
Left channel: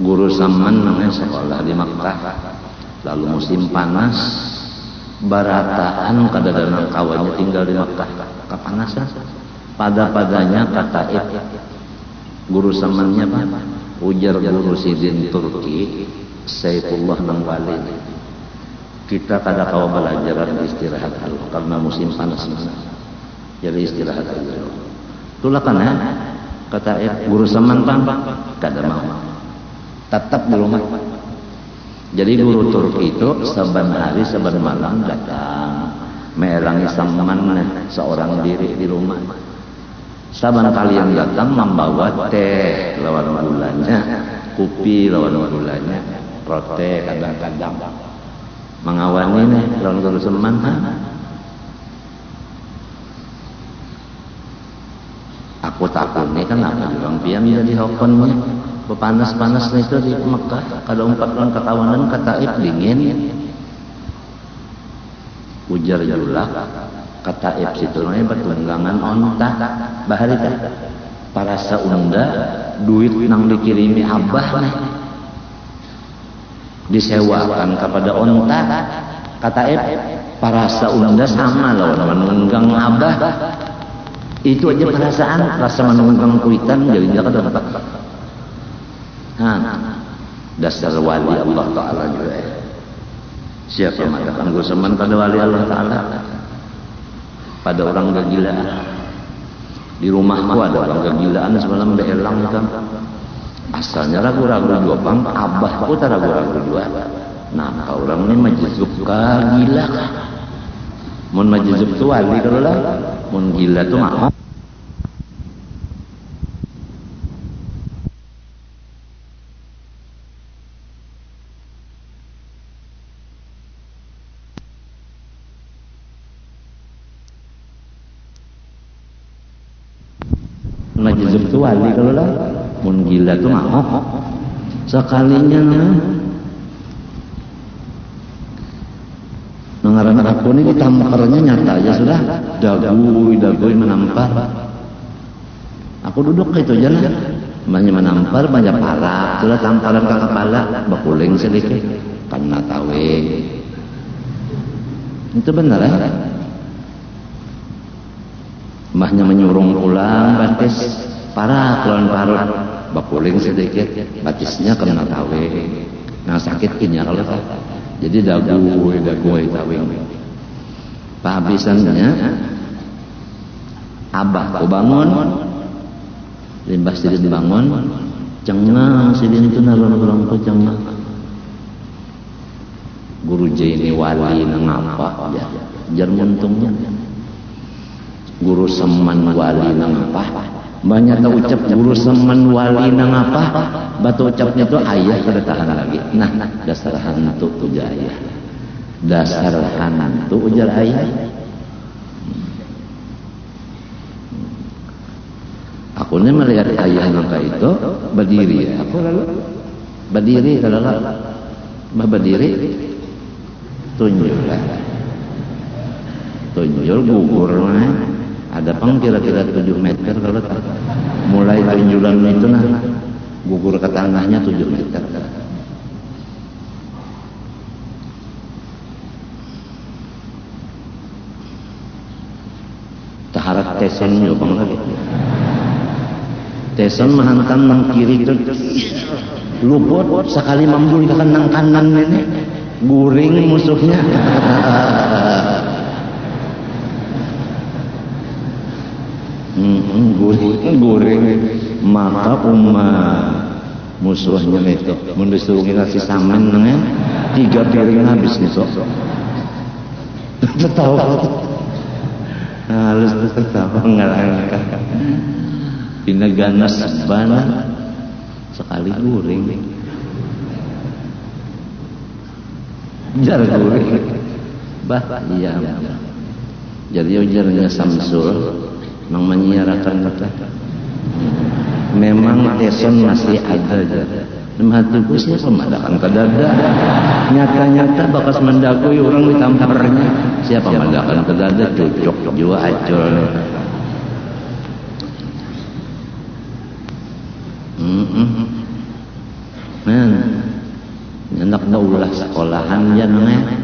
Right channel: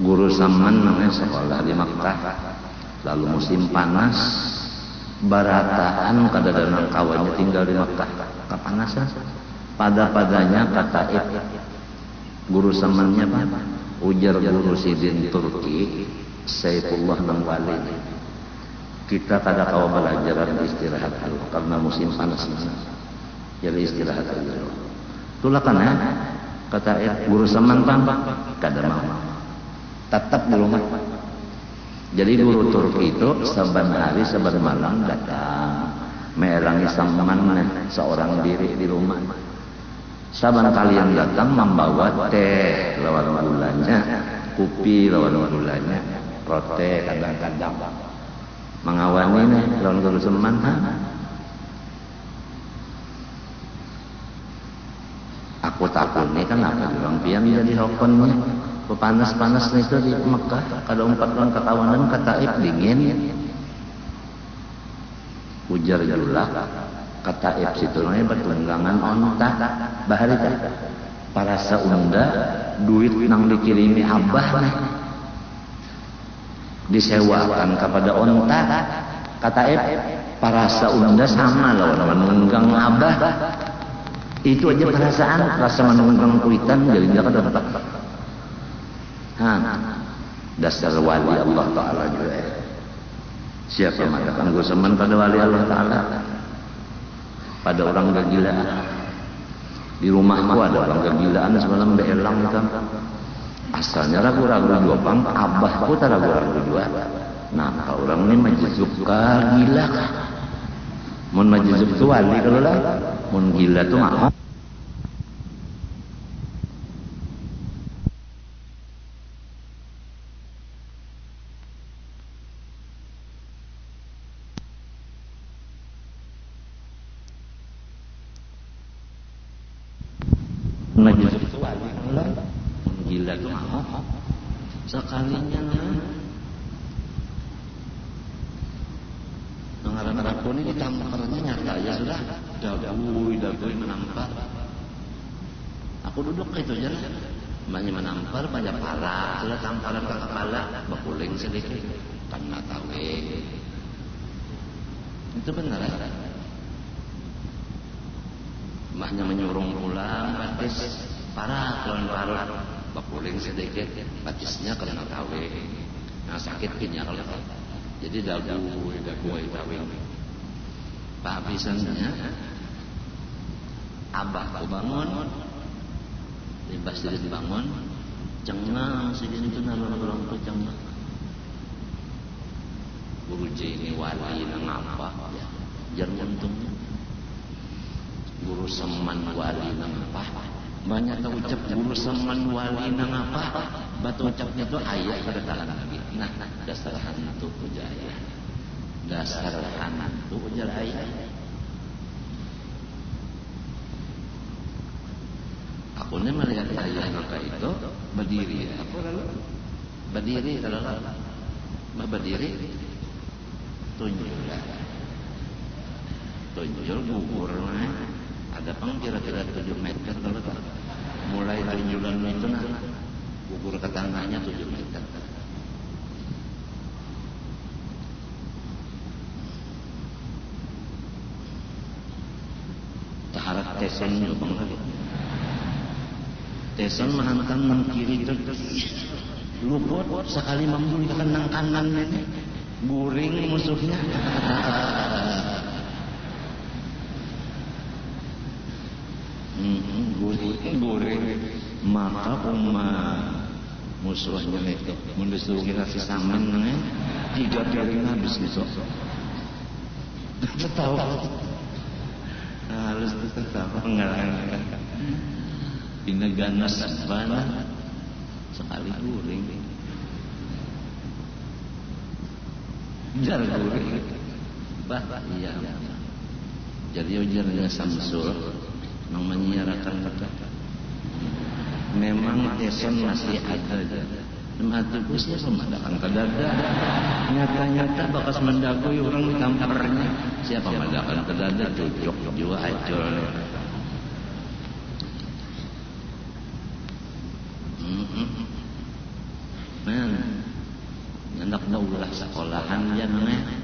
Guru Saman sekolah di Makkah, lalu musim panas, barataan kadang-kadang kawannya tinggal di Makkah, kepanasan. Pada-padanya kata guru Samannya Pak, ujar guru Sidin Turki, Saifullah bin Wali. Kita kada kau belajar istirahat dulu karena musim panas. Jadi istirahat dulu. Itulah kan kata guru Saman kan kada mau. Tetap di rumah. Jadi guru Turki itu saban hari saban malam datang melangi saman seorang diri di rumah. Saban kali yang datang membawa teh lawan gulanya, kopi lawan gulanya, roti kadang-kadang mengawani nih lawan gula seman kan. Aku takutnya kan apa bilang pian jadi hokonnya panas-panasnya itu di Mekah kada umpat lan ketawanan kata dingin ujar julah kata situnya bertunggangan onta bahari teh para saunda duit nang dikirimi abahnya disewakan kepada onta kata para saunda sama lawan menunggang abah itu aja perasaan rasa menunggang kuitan jadi enggak kata dasar wali Allah Ta'ala juga siapa yang mengatakan gue seman pada wali Allah Ta'ala pada orang kegilaan di rumahku ada orang kegilaan sebenarnya udah elang kan asalnya ragu-ragu dua bang abahku tak ragu-ragu dua nah orang ini majizub gila mun majizub tu wali kalau lah mun gila tu mau majizub tu wali kalau lah mun gila tu mau sekalinya mengarang aku ni tamparnya nyata aja sudah dagui menampar aku duduk itu aja lah banyak menampar banyak pala sudah tamparan ke kepala bakuling sedikit karena tawe itu benar ya mbahnya menyurung pulang batis parah keluar parut bakuling sedikit batisnya kena tawe nah sakitnya kalau jadi dagui tawing kehabisannya abah ku bangun limbah sidin bangun cengang sidin itu narong ku cengang guru ini wali nang apa ya jar muntungnya guru seman wali nang apa banyak tak ucap guru seman wali nang apa batu ucapnya tuh ayah sudah tahan lagi nah dasar hantu ujar ayah dasar hantu ujar ayah aku ini melihat ayah nangka itu berdiri aku lalu berdiri kalau berdiri tunjuk gugur ada pang kira-kira 7 meter kalau mulai tunjulan itu nah gugur ke tanahnya 7 meter taharat teson yo bang lagi teson menghantam nang kiri itu luput sekali mambul ke nang kanan ini guring musuhnya guring maka musuhnya itu disuruh kasih saman nengnya 3 piring habis besok betul halus tertawa ngalangkan dina ganas sebana sekali guring jar guring bah iya jadi ujarnya Samsul yang menyiarakan kata memang teson masih ada hatiku siapa madakan ke dada nyata-nyata bakas mendakui orang ditamparnya siapa madakan ke dada cocok jua acol nyendak daulah sekolahan ya namanya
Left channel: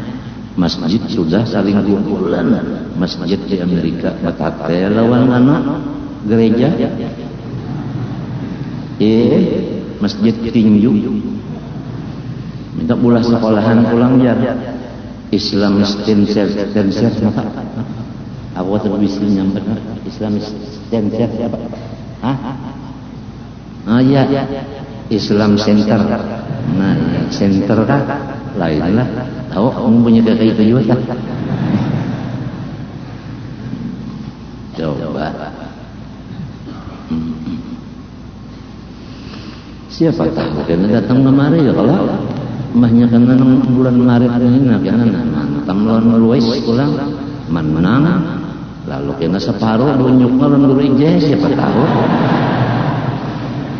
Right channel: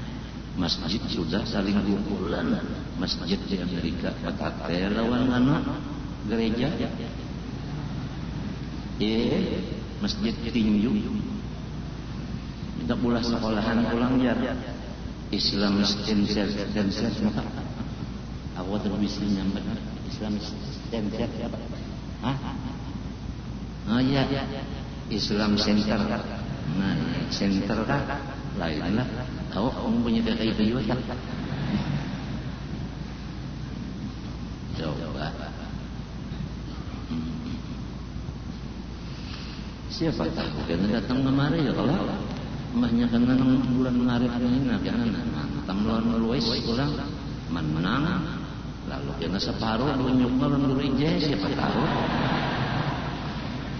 masjid sudah saling kumpulan masjid di Amerika batate lawan anak gereja masjid tinju minta pula sekolahan pulang jar Islam stenser apa aku tuh bisa nyampe Islam stenser apa ya Islam center nah ya, center kan lain lah tahu kamu punya kayak itu juga tak coba Siapa tahu kena datang kemari ya kalau mahnya kena bulan Maret ini kena nantang lawan Luis pulang menang lalu kena separuh bunyuk lawan Luis siapa tahu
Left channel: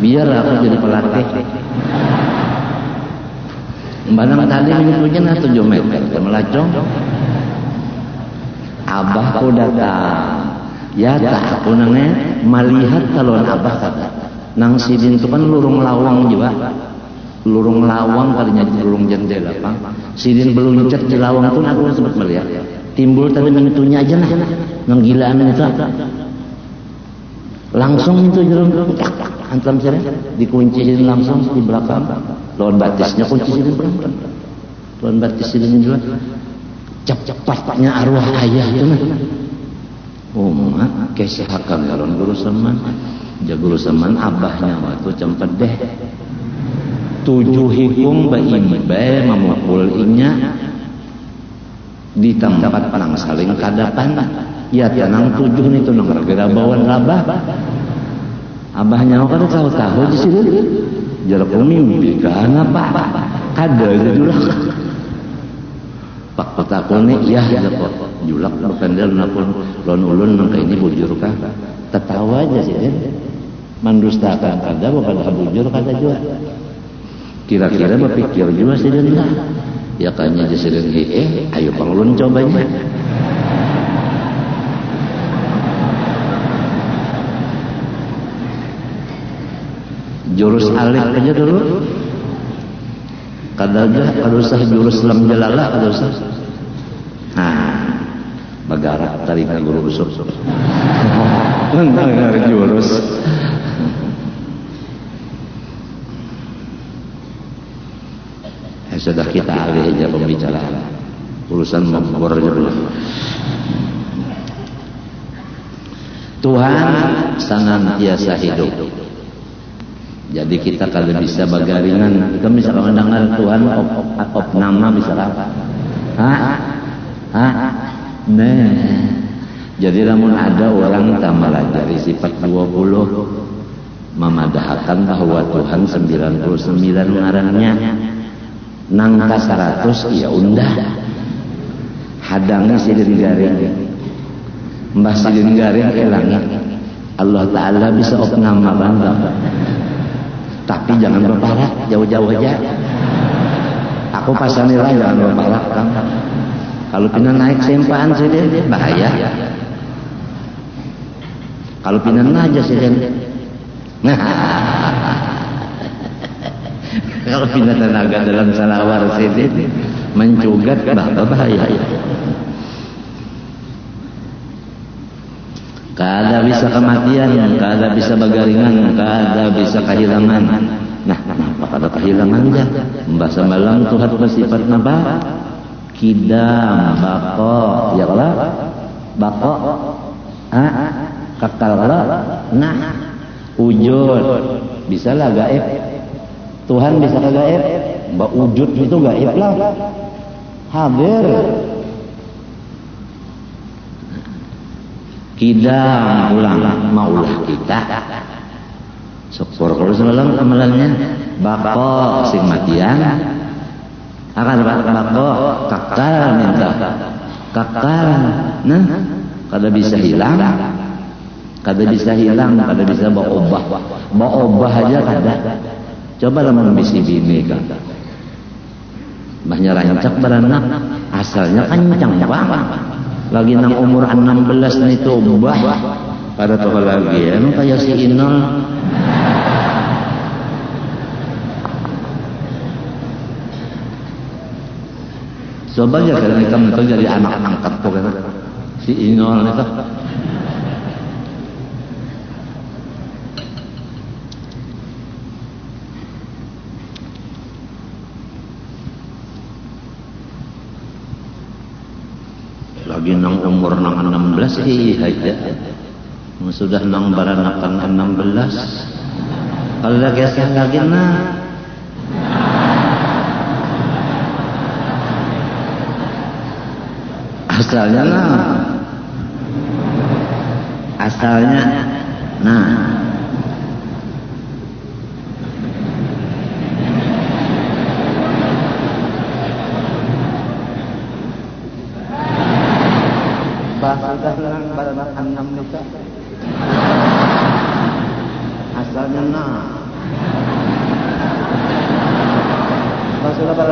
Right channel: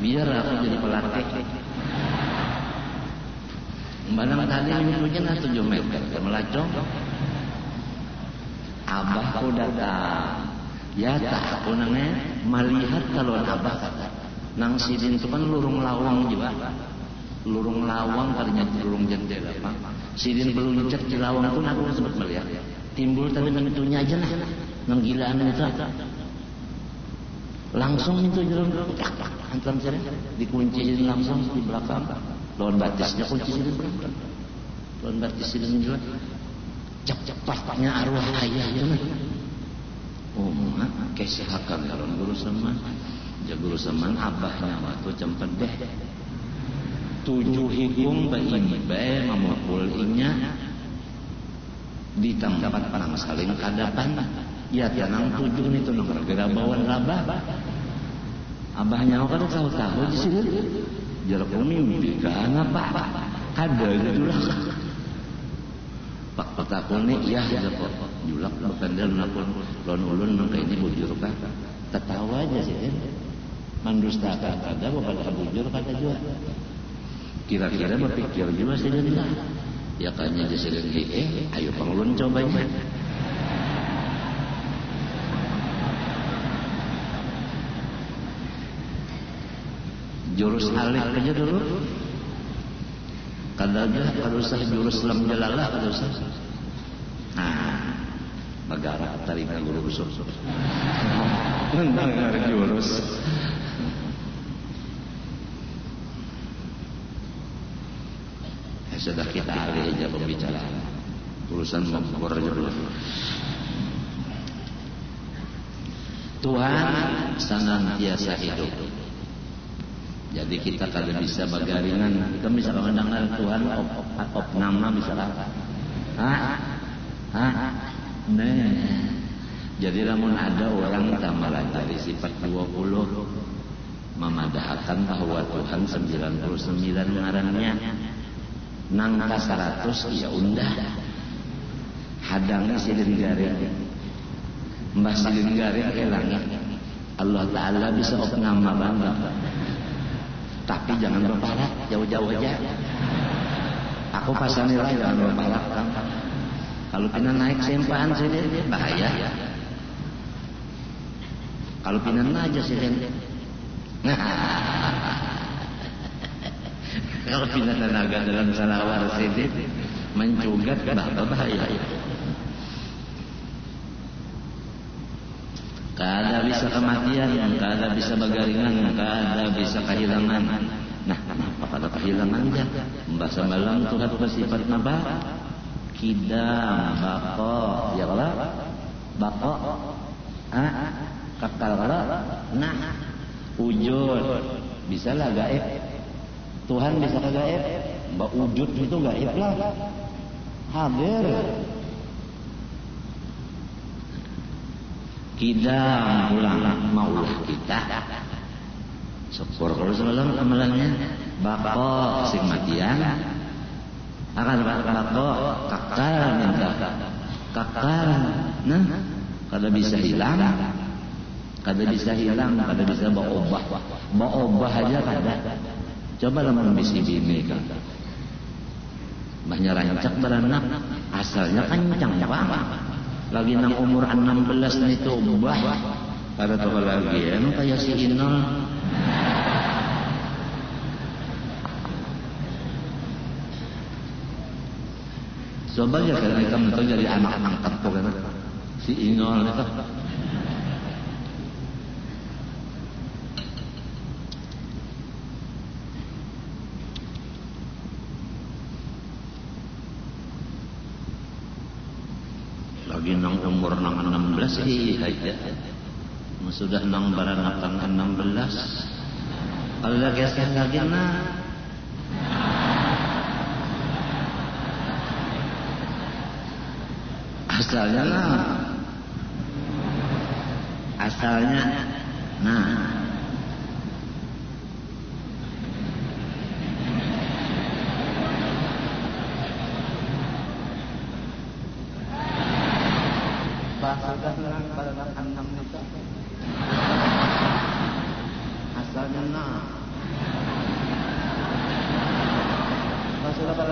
biar aku jadi pelatih Banang tadi mungkin 7 meter melacong abahku datang ya tak aku nanya melihat kalau abah kata nang sidin itu kan lurung lawang juga lurung lawang kalinya lurung jendela Bang. Sidin beluncat di lawang pun aku sempat melihat timbul tadi pintunya aja nah nang gilaan itu langsung itu jerung antam sini dikunciin langsung di belakang lawan batisnya kunci sidin belakang lawan batis sidin juga cepatnya arwah ayah itu nah mak kesehakan lawan guru seman Jaguru seman abahnya waktu cempet deh 7 hikung bayi memukul inya di tempat nang saling kadapan ya tenang 7 itu nang gara-gara bawaan rabah abahnya kada tahu di sini jarak mimpi kan apa kada julak pak petakone ya kok julak pendel napun lon ulun nang ini bujur kah ketawa aja sih mendustakan kada bukan bujur kada juga kira-kira berpikir juga sih dia ya kayaknya disirin ayo panglun cobanya jurus alif aja dulu kada usah jurus lam jalalah kada usah bagarak tariknya guru besok jurus sudah kita alih aja pembicaraan urusan membornya Tuhan senantiasa hidup jadi kita kalau bisa bagaringan kita misalnya dengar Tuhan op nama misalnya nah jadi namun ada orang tamalajari sifat 20 memadahkan bahwa Tuhan 99 ngarannya nangka 100 ya undah hadangnya sidin garing mbah sidin garing hilangnya Allah Ta'ala bisa nama bangga tapi jangan berparak jauh-jauh aja aku pasanila jangan berparak kan kalau pindah naik sempaan sidin bahaya kalau pindah aja sidin kalau pindah tenaga dalam salawar sidin mencugat bahaya kada bisa kematian kada bisa bagaringan kada bisa kehilangan nah kenapa kada kehilangan ya membahasa malam Tuhan bersifat apa kidam bako ya Allah bako kakal nah wujud bisa lah gaib Tuhan bisa ke gaib mbak wujud itu gaib lah hadir kidam ulang maulah kita syukur kalau semalam amalannya bako matian akan bako kakal minta kakal nah kada bisa hilang kada bisa bawa obah aja kada coba lah membisi bini kan banyak rancak beranak asalnya kencang banget lagi nang umur 16 itu ubah pada tokoh lagi emang kayak si Inol coba aja kalau kita jadi anak angkat pokoknya si Inol itu lagi nang umur nang 16 aja sudah nang baranakan 16 kalau lagi asal lagi asalnya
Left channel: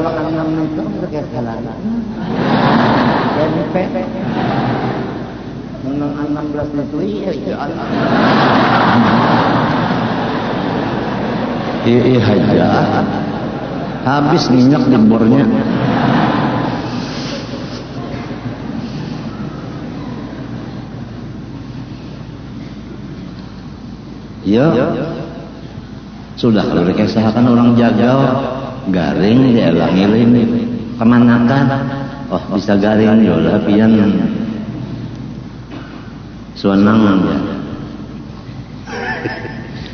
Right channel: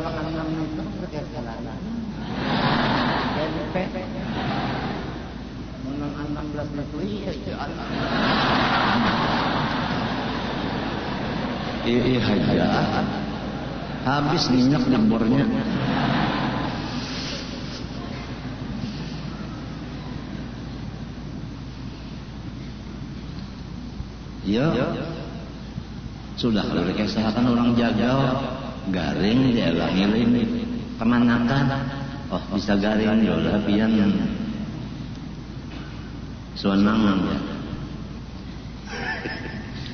enam itu kayak jalan. Jadi menang 16 itu iya. Iya aja. Habis minyak di bornya. Ya. Sudah kalau dikisahkan orang jagal garing dielang-eling kemanakan. Oh bisa garing ya udah pian suanang ya.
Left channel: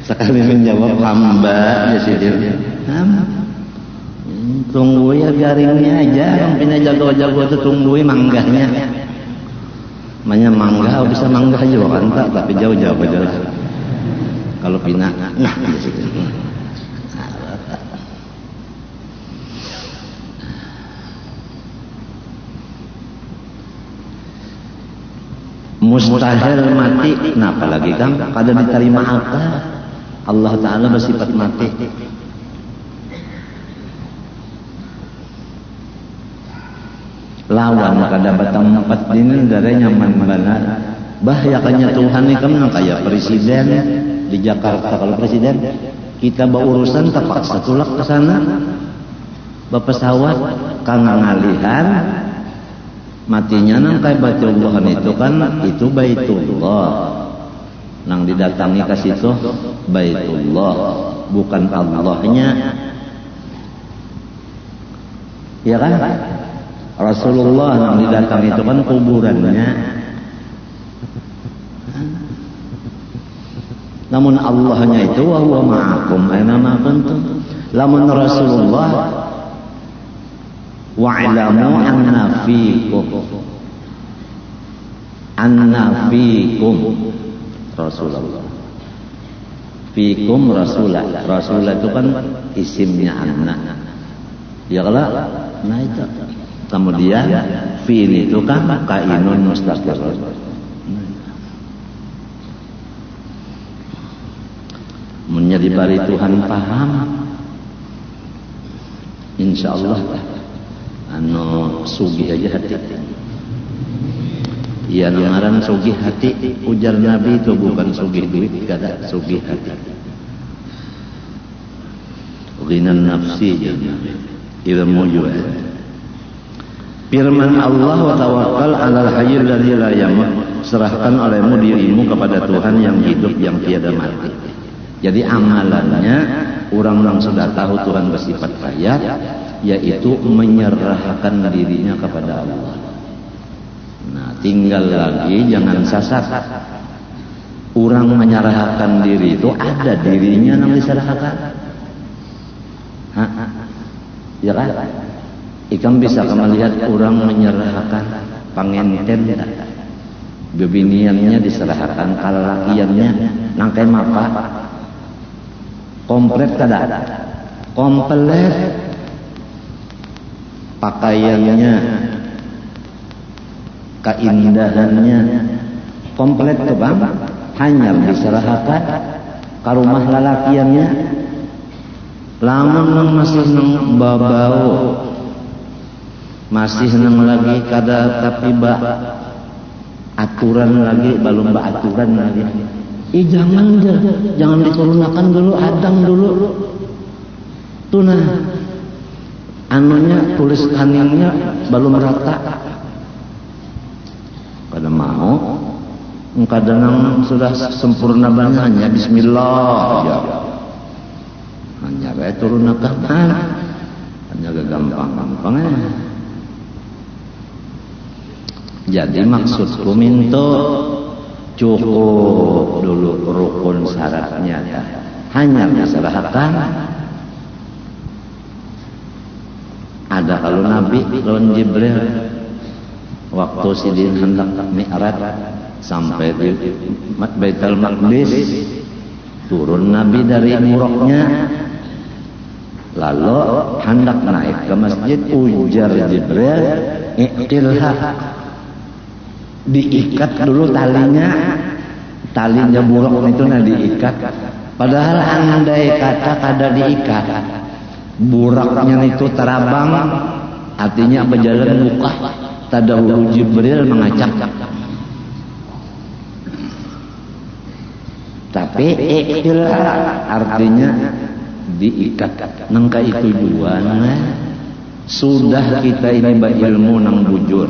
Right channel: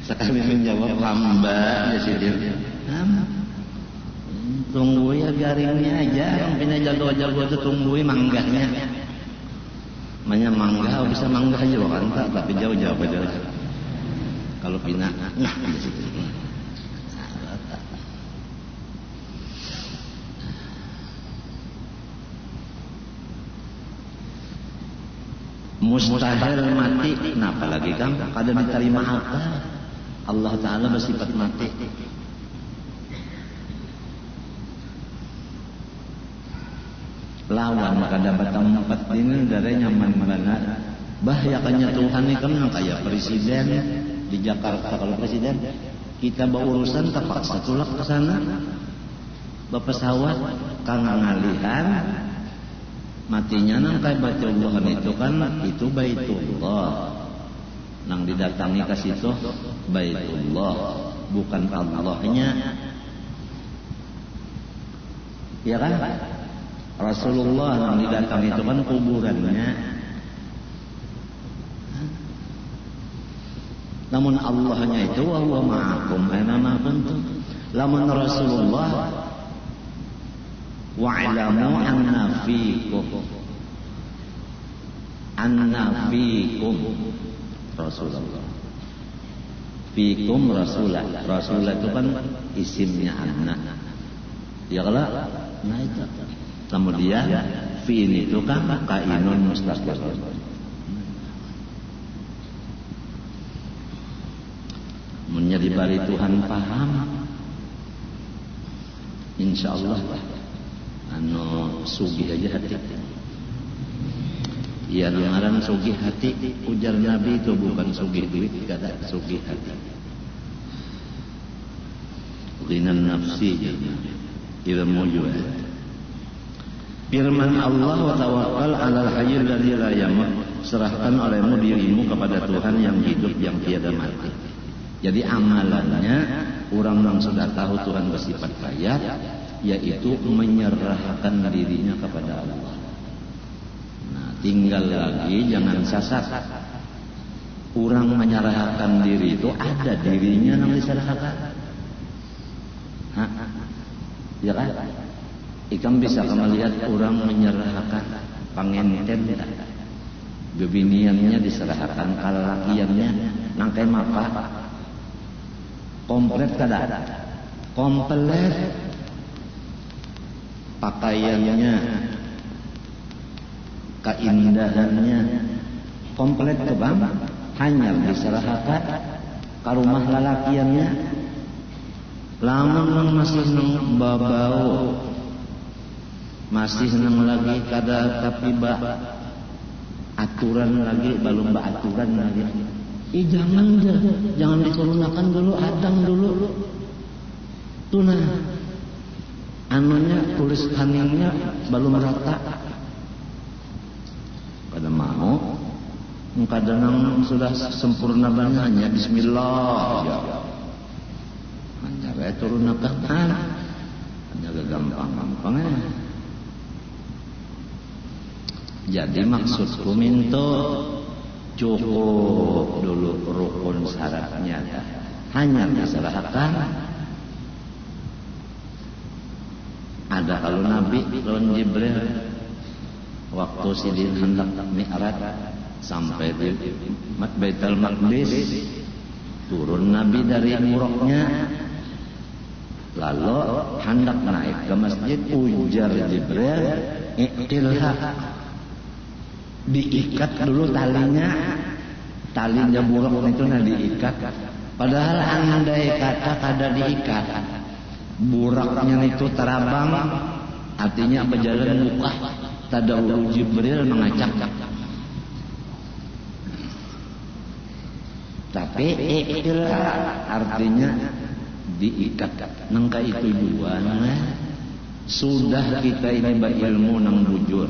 Sekali menjawab lamba ya sih dia. Tunggu ya garingnya aja, mungkin jago-jago itu tungguin manggahnya. Namanya manggah bisa manggah juga kan tak, tapi jauh-jauh aja lah. Kalau pina, nah di situ. Mustahil mati, nah apalagi kan kada diterima apa? Allah Ta'ala bersifat mati. Lawan kada batang empat ini dari nyaman mana. Bahayanya Tuhan ini kan kayak presiden di Jakarta. Kalau presiden kita berurusan terpaksa tulak ke sana berpesawat karena ngalihan matinya nang kayak Baitullah itu kan itu Baitullah nang didatangi ke situ Baitullah bukan Allahnya ya kan Rasulullah nang didatangi itu kan kuburannya. Namun Allahnya itu wa huwa ma'akum aina ma kuntum. Lamun Rasulullah wa'lamu anna fikum Rasulullah. Fikum Rasulah. Rasulah itu kan isimnya anak. Ya kalau nah itu. Kemudian fi'il itu kan kainun mustaqir. Menjadi bari Tuhan paham insyaallah anu sugih aja hati ya ngaran sugih hati ujar Nabi itu bukan sugih duit kada sugih hati ghinan nafsi ilmu juga firman Allah wa tawakkal 'alal hayyil ladzi la yamut serahkan olehmu dirimu kepada Tuhan yang hidup yang tiada mati. Jadi amalannya orang yang sudah tahu Tuhan bersifat kaya, yaitu menyerahkan dirinya kepada Allah. Nah, tinggal lagi jangan sasar. Orang menyerahkan diri itu ada dirinya yang diserahkan. Ya kan? Ikan bisa melihat orang menyerahkan pangenten, bebiniannya diserahkan, kalalakiannya nangkai mapa. Komplit kada? Komplit. Pakaiannya, keindahannya, komplit ke bang. Hanya diserahkan ke rumah lalakiannya. Lamun nang masih nang babau, masih nang lagi kada tapi ba aturan lagi belum ba aturan lagi. Jangan diturunakan dulu, adang dulu. Tuna. Anunya tulis kanannya belum rata. Kada mau. Kadang sudah sempurna banget hanya bismillah. Ya. Hanya bae turunakan. Hanya gampang-gampang. Jadi maksudku minto cukup dulu rukun syaratnya hanya diserahkan. Ada kalau Nabi lawan Jibril waktu sidin hendak mi'raj sampai di Baitul Maqdis turun Nabi dari muroknya lalu hendak naik ke masjid ujar Jibril iqilha diikat dulu talinya buruk itu diikat padahal andai kata kada diikat buraknya itu terabang, hatinya berjalan buka, tadahulu Jibril mengajak. Tapi ikhtilaf artinya diikat. Nangka itu juana sudah kita ini berilmu nang bujur,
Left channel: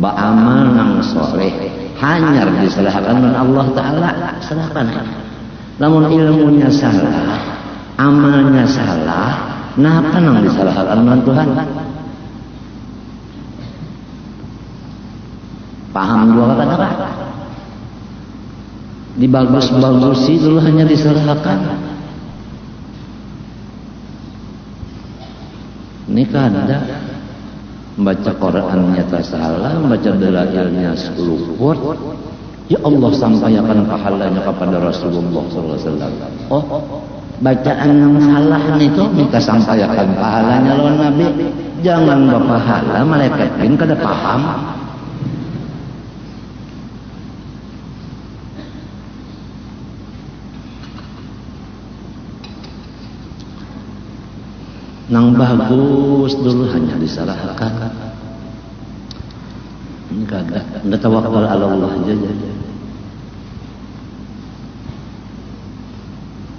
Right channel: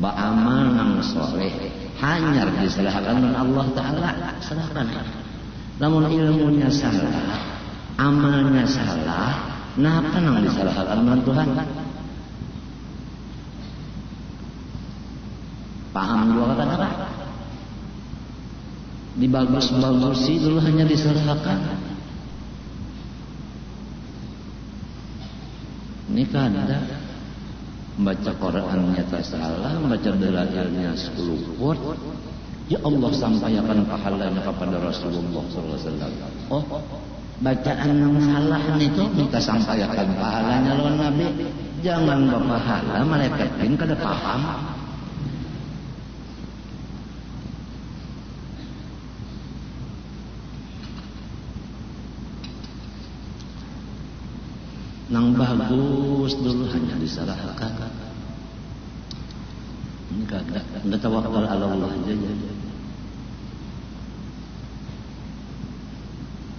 ba'amal nang soleh, hanyar diserahkan dengan Allah Ta'ala, serahkan. Namun ilmunya salah, amalnya salah, napa nang diserahkan dengan Tuhan? Paham dua kata-kata? Dibagus-bagusi dulu hanya diserahkan. Ini kada membaca Qurannya tak salah, membaca dalailnya seluput. Ya Allah sampaikan pahalanya kepada Rasulullah SAW. Oh, bacaan yang salah itu minta sampaikan pahalanya lawan Nabi. Jangan berpahala, malaikat pun kada paham. Nang bagus dulu hanya diserahkan. Enggak tawakal ala Allah aja.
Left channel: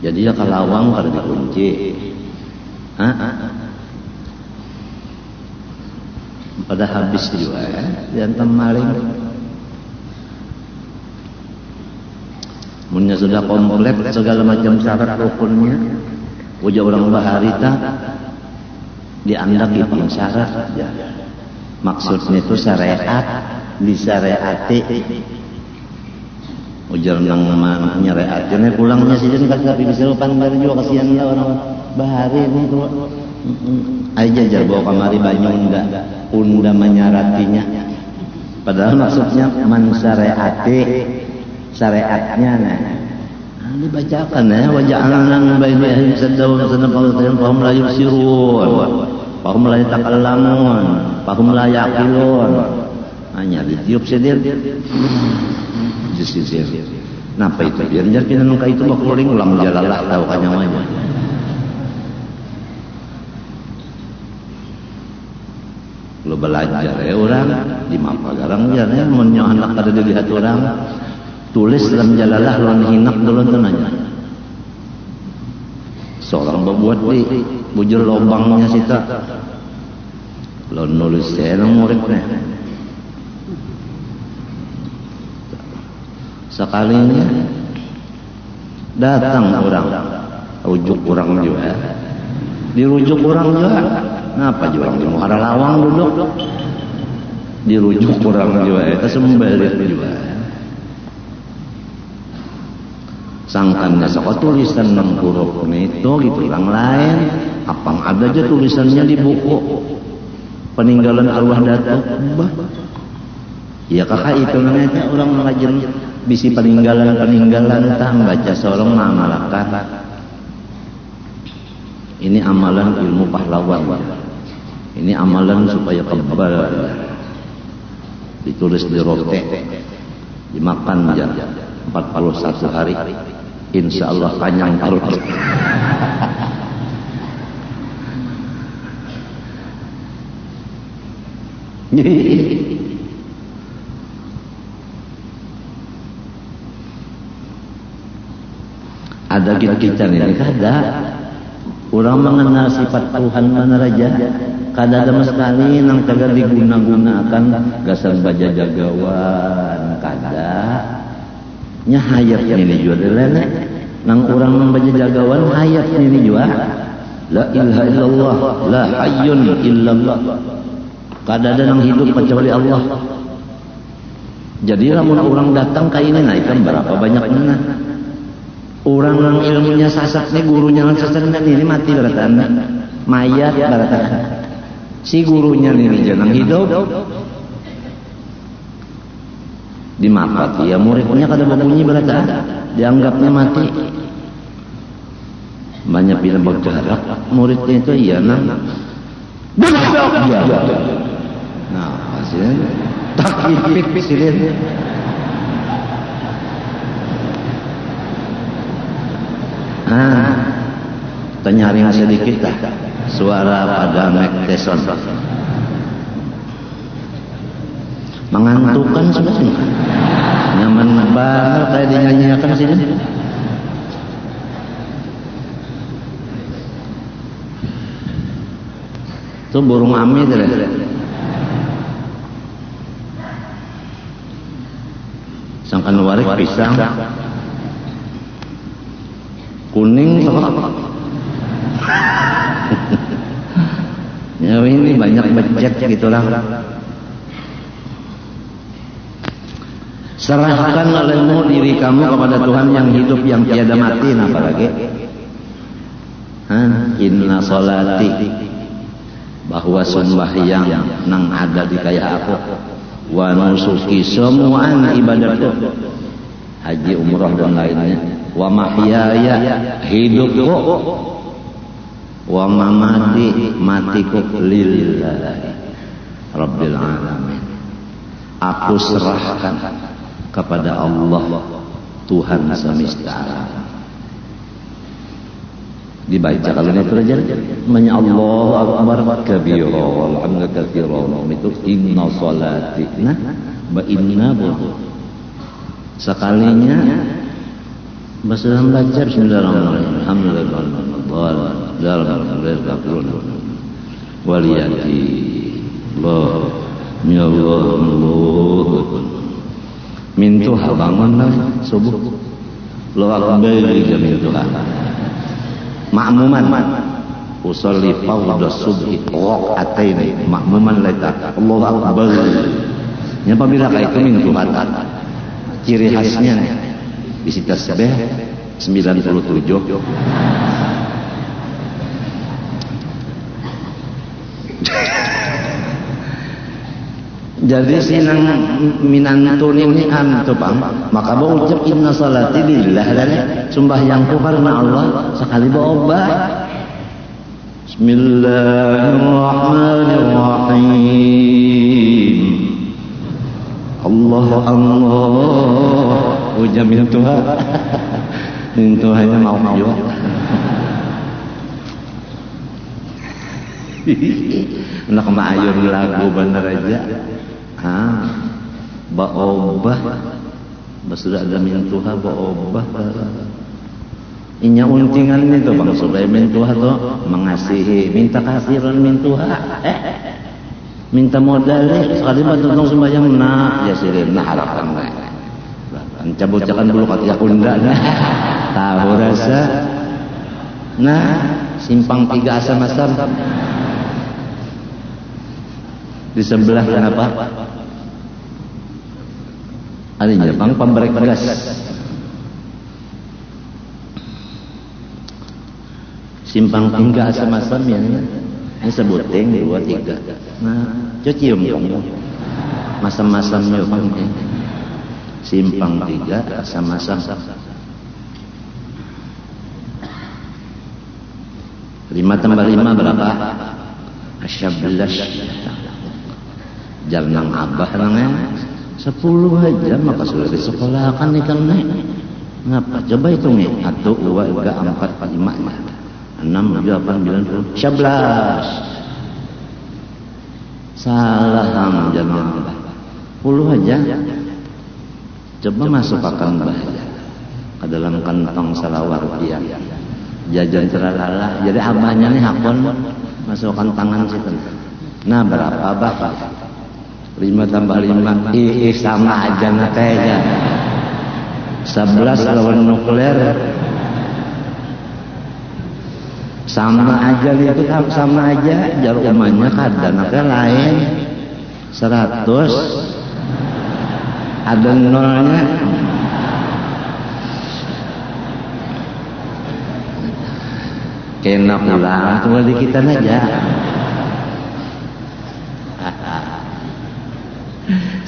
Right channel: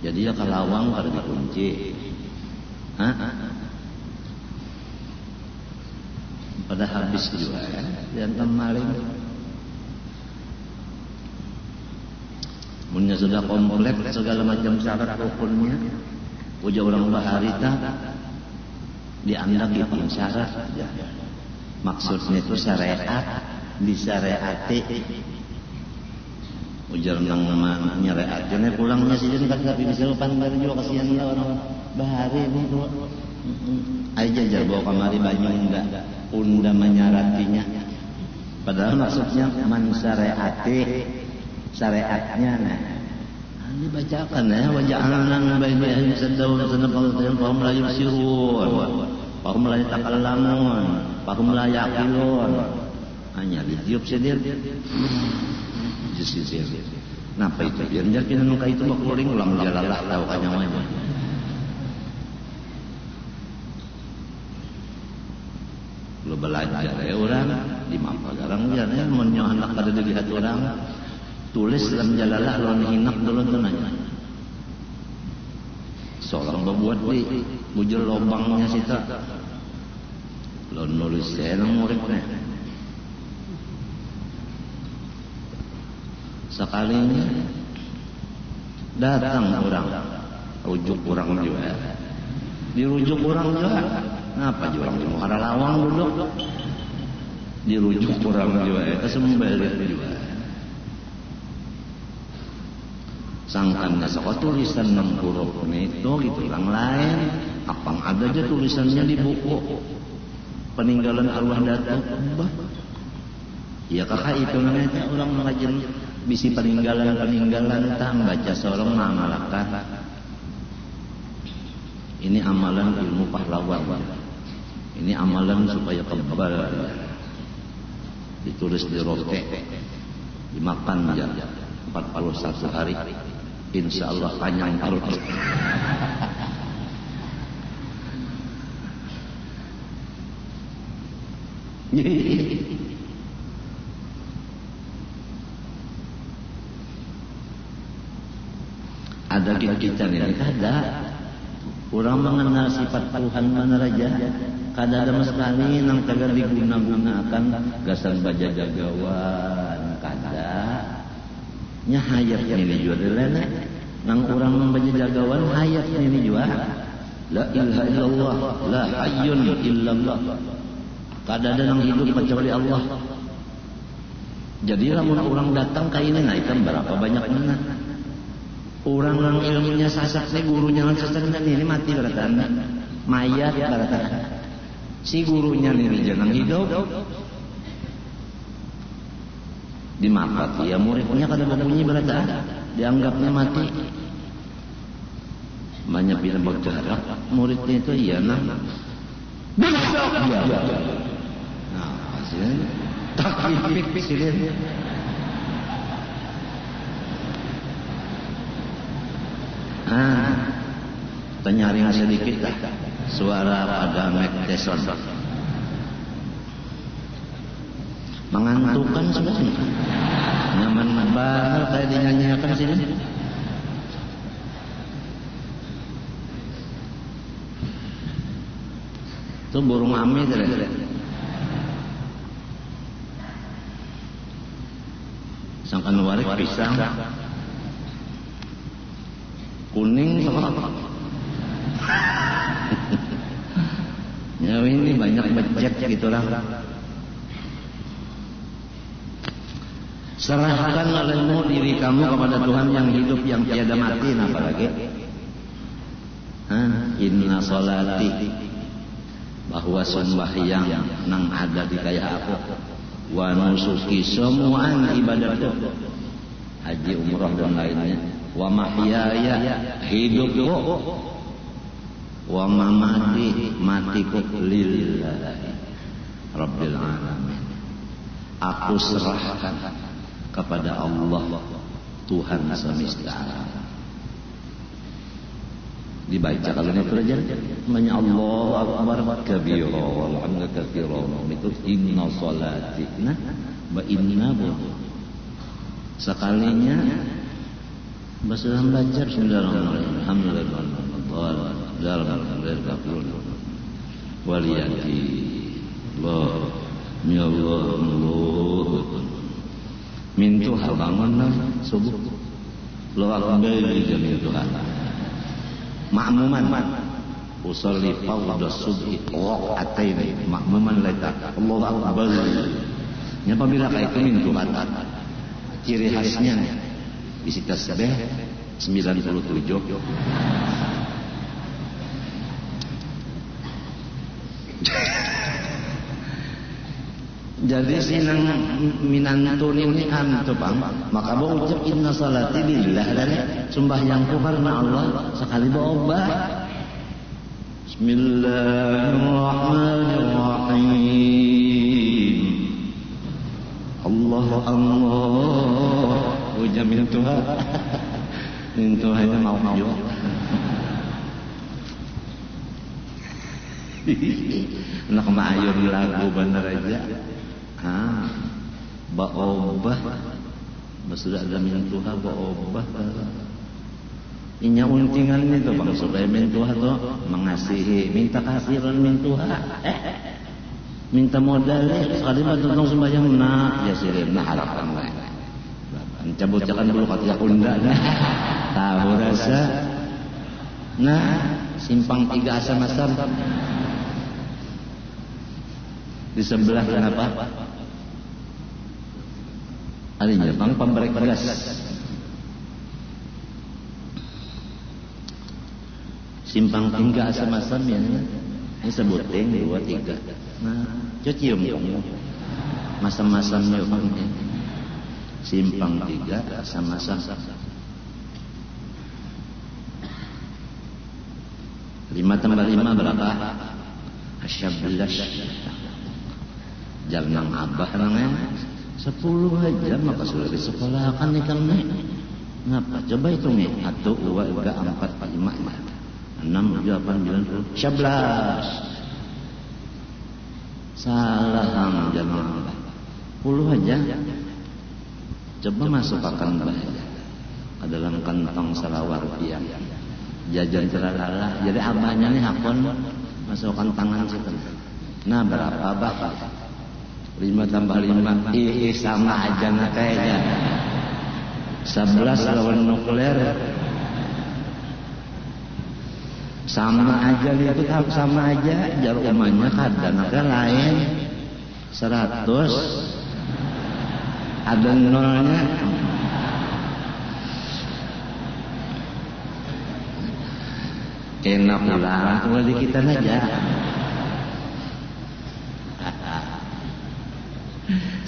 Jadi ya kalawang kada dikunci. Pada habis juga ya, jantan maling. Munya sudah komplit segala macam syarat rukunnya. Uja orang baharita diandak di syarat ya. Maksudnya itu syariat disyariati. Ujar nang nyariat jane pulangnya sijen kagak bisa pandar juga kasihan lah orang bahari itu. Aja jar bawa kamari banyu enggak unda menyaratinya. Padahal maksudnya man syariati syariatnya nah. Dibacakan ya waja'alna baina saddaw sanafaqatan fahum la yusirun fahum la yatakallamun fahum la yaqilun. Hanya ditiup sedir disisir. Napa itu? Biar kita nuka itu makuling ulang jalalah tahu kanyawanya. Lo belajar ya orang di mapa garang ya mun anak kada dilihat orang tulis dalam jalalah lawan hinak dulu tenanya. Seorang membuat di bujur lobangnya sita. Lo nulis saya muridnya. Sekalinya datang orang, rujuk orang juga. Dirujuk orang juga. Ngapa juga orang mau ada lawang duduk? Dirujuk orang juga. Itu sembelih juga. Sangkannya sekolah tulisan 6 huruf itu gitu orang lain apang ada aja tulisannya di buku peninggalan arwah datuk bah ya kakak itu namanya orang mengajar bisi peninggalan tak baca seorang mengamalkan ini amalan ilmu pahlawan ini amalan supaya kebal ditulis di rotek dimakan jam 41 hari. Insya Allah panjang perut. Ada kita ini kada. Orang mengenal sifat Tuhan mana raja. Kada ada sekali nang kada diguna-gunakan gasal baja jagawan kada. Nya hayat ini juga lele nang orang membaca jagawan hayat ini juga la ilaha illallah la hayyun illallah kada ada nang hidup kecuali Allah. Jadi lamun orang datang ka ini nah ikan berapa banyak mana orang nang ilmunya sasak nih gurunya nang sasak ini mati beratan mayat beratan si gurunya ini jangan hidup dimapati ya muridnya kada berbunyi berata dianggapnya mati banyak bila berjarak muridnya itu iya nah hasilnya tak ipik silin tanya ring sedikit dah suara pada Mike Tyson. Mengantukkan sudah. Nyaman banget kayak dinyanyikan sini. Itu burung ami itu. Sangkan warik pisang. Kuning sok. Ya ini banyak budget gitulah. Serahkan olehmu diri kamu kepada Tuhan yang hidup yang tiada mati. Apalagi inna sholati, bahwa sembahyang nang ada di kaya aku, wa nusuki, semua ibadahku, haji umrah dan lainnya, wa mahyaya, hidupku, wa mamati, matiku, lillahi rabbil alamin. Aku serahkan kepada Allah Tuhan semesta alam. Dibaca kalau ini terjadi, manya Allahu akbar kabira walhamdulillah katsira, itu inna sholatina wa inna bu. Sekalinya bahasa baca bismillahirrahmanirrahim, alhamdulillah waliyati Allah ya Allah mintu bangun subuh lo akbar mintu ma'muman usolli fawda subhi raq'ataini ma'muman laita Allahu akbar. Ya apabila kayak itu mintu kata ciri khasnya isi tasbih 97. Jadi sinang minantun ini antu bang, maka bawa ucap inna salati lillah dan sembahyangku karena Allah sekali bawa Bismillahirrahmanirrahim. Allah Allah ucap mintuha mintuhanya mau juga. Nak maayur lagu bener aja. Ba'obah sudah ada mintuha ba'obah inya untingan itu bang supaya mintuha tuh mengasihi, minta kasiran mintuha minta modal sekali bantu sembahyang nak ya sirin nah harapan cabut-cabutan dulu kata unda tahu rasa nah simpang 3 asam-asam di sebelah kenapa? Alinya bang pemberek beras. Simpang 3 asam-asam ya. Ini sebutin 2, 3. Nah, cium kamu. Masam-masamnya bang. Simpang 3 asam-asam. 5 tambah 5 berapa? 11. Jalan abah namanya 10 aja maka sudah disekolahkan ikan nih. Ngapa? Coba hitung nih 1, 2, 3, 4, 5, 6, 7, 8, 9, 10, 11. Salah kamu jalan abah 10 aja. Coba masukkan bahaya ke dalam kantong salawar dia jajan teralala. Jadi abahnya nih hakon masukkan tangan situ. Nah berapa abah? 5 tambah 5 sama aja natanya 11 lawan nuklir sama aja itu sama aja jalur umumnya kadang lain 100 ada nolnya kena pulang cuma di kita aja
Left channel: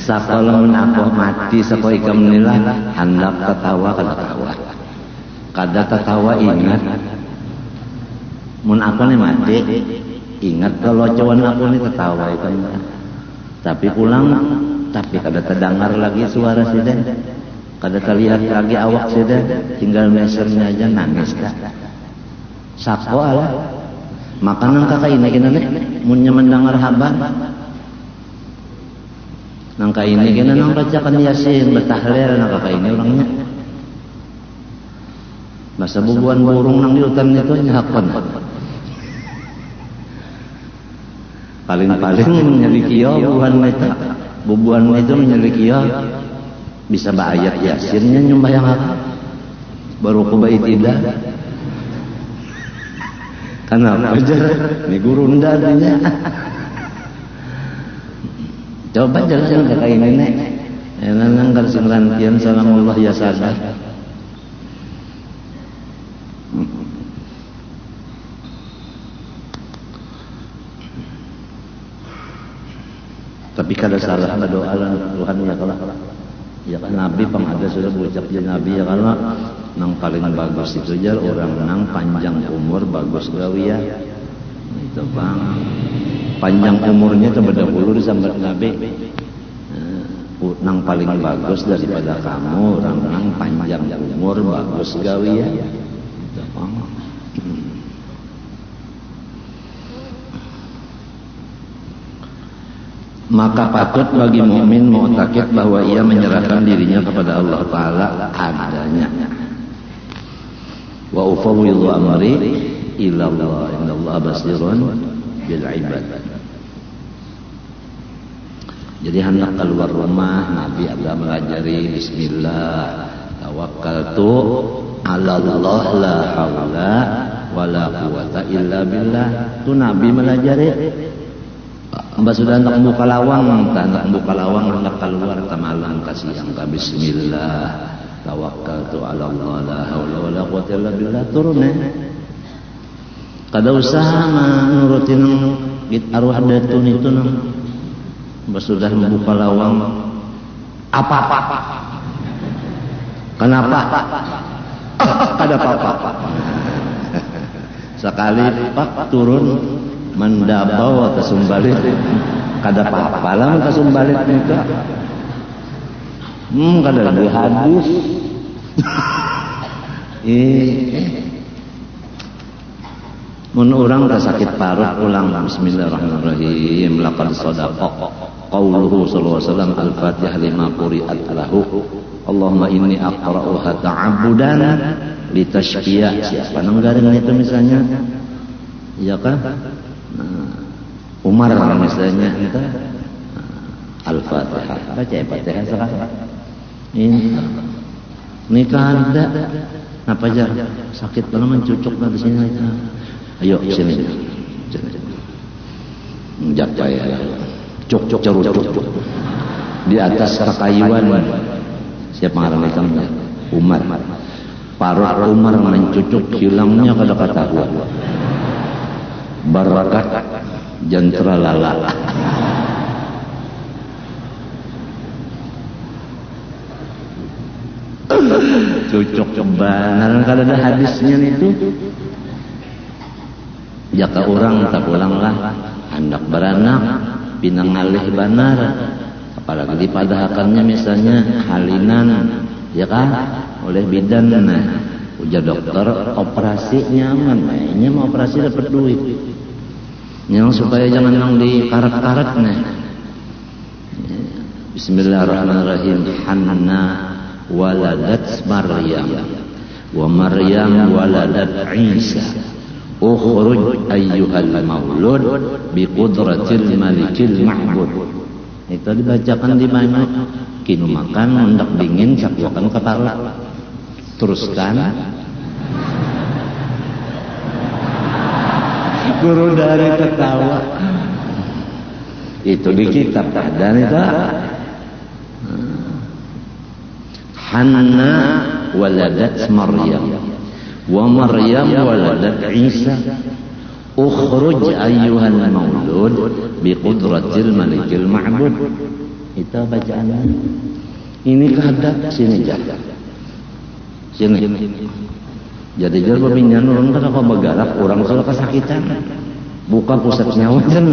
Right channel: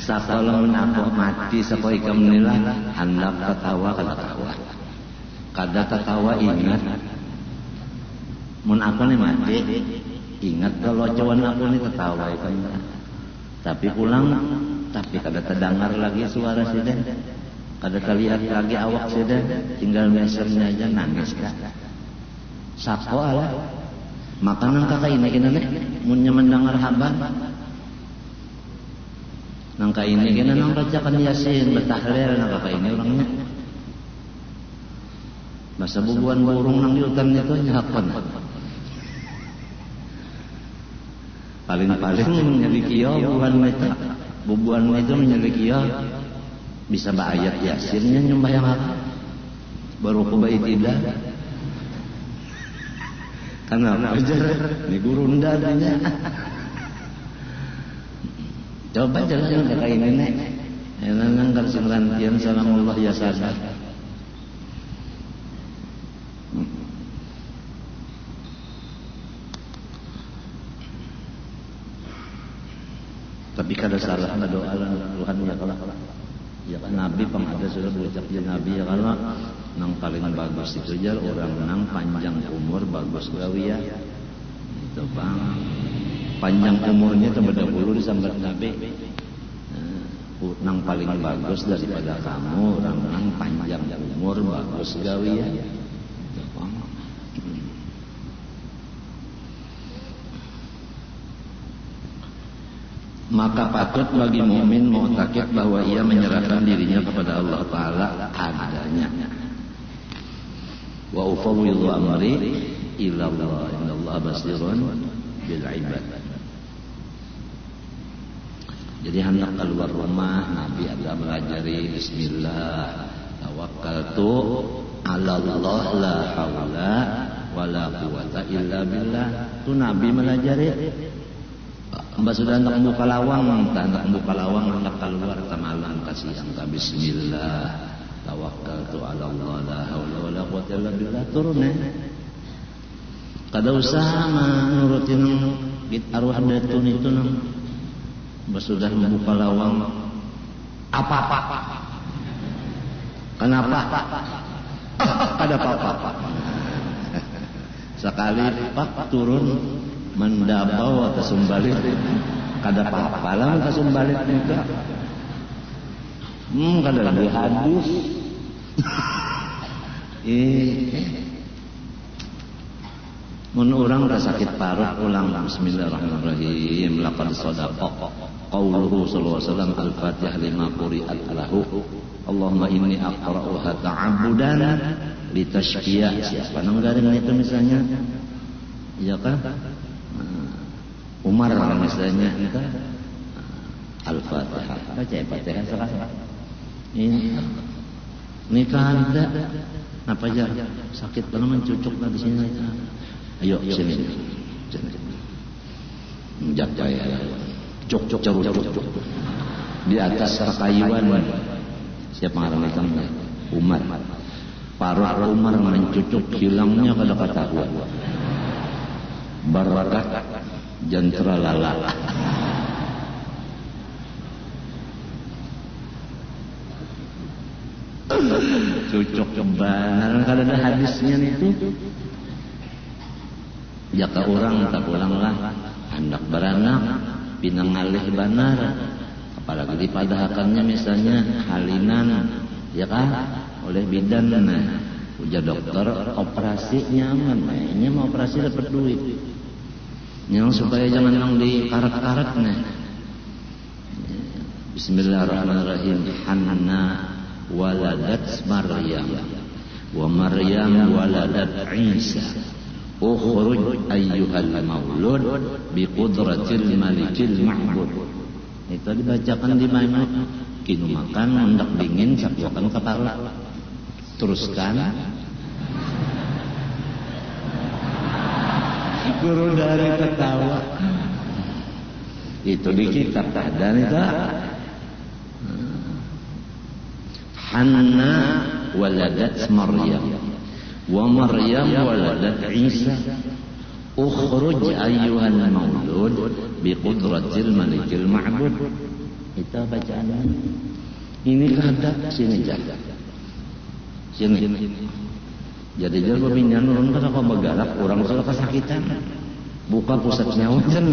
sakalamun aku mati sako ikam nila hendak ketawa kada ketawa ingat mun aku nih mati ingat kalau cawan aku nih ketawa ikam tapi pulang tapi kada terdengar lagi suara sudah kada terlihat lagi awak sudah tinggal mesernya aja nangis dah sako ala Makanan kakak ini kena nih, munnya mendengar habar. Nangka ini kena nang bacakan Yasin, betahlil nang kakak ini orangnya. Masa bubuan burung nang di hutan itu nyahakon. Paling-paling menyelikiyo bubuan itu. Bubuan itu menyelikiyo bisa ayat Yasinnya nyembah yang apa? Baru kubai tidak. Kenapa aja? Ini guru ndanya. Coba jalan ke kayak ini. Enang kan singrantian salamullah ya sadar. Tapi kada salah doa Tuhan ya kalau ya kan Nabi pengada sudah berucap di Nabi ya kalau nang paling bagus itu aja orang nang panjang umur bagus gawi ya itu bang panjang umurnya terdahulu disambat Nabi nang paling bagus daripada kamu orang nang panjang umur bagus gawi ya itu bang. Maka patut bagi mukmin mu'taqid bahwa ia menyerahkan dirinya kepada Allah Ta'ala adanya. Wa ufawwidhu amri ila Allah innallaha basirun bil ibad. Jadi hendak keluar rumah Nabi ada mengajari bismillah tawakkaltu ala Allah la haula wala quwata illa billah. Itu Nabi mengajari. Mbak sudah hendak buka lawang, hendak buka lawang, hendak keluar ke malam kasih angka bismillah tawakkaltu ala Allah la haula wala quwata illa billah turun kada usah nurutin arwah datun itu Mbak sudah membuka lawang apa kenapa kada apa-apa sekali pak turun mendabau atau sumbalit kada apa-apa lah atau sumbalit itu kada lebih hadis mun orang sakit parut ulang bismillahirrahmanirrahim laqad sadaqa qauluhu sallallahu alaihi wasallam al-fatihah lima quri'at lahu Allahumma inni aqra'uha ta'abbudan litashfiya siapa nanggaring itu misalnya ya kan Umar misalnya kita Al-Fatihah baca Al-Fatihah sekarang ini kan ada apa aja sakit kalau mencucuk di sini ayo sini menjaga ya cuk cerut di atas kakayuan siapa ngarang itu Umar parut Umar mencucuk hilangnya kada ketahuan barakat jantra lala cucuk benar kalau ada hadisnya itu jaka orang tak ulanglah anak beranak pinangalih banar apalagi padahakannya misalnya halinan ya kan oleh bidan ujar dokter operasi nyaman ini mau operasi dapat duit yang supaya jangan yang dikarat-karat bismillahirrahmanirrahim Hanna waladat Maryam wa Maryam waladat Isa ukhruj ayyuhal maulud biqudratil malikil ma'bud itu dibacakan di mana kini makan hendak dingin cakuakan kepala teruskan guru dari ketawa itu di kitab dan itu Hanna waladat Maryam wa Maryam waladat Isa ukhruj ayyuhal maulud biqudratil malikil ma'bud itu bacaannya ini kada sini jaga sini jadi jar berpindah orang kan apa bergerak orang sudah kesakitan buka pusat nyawa kan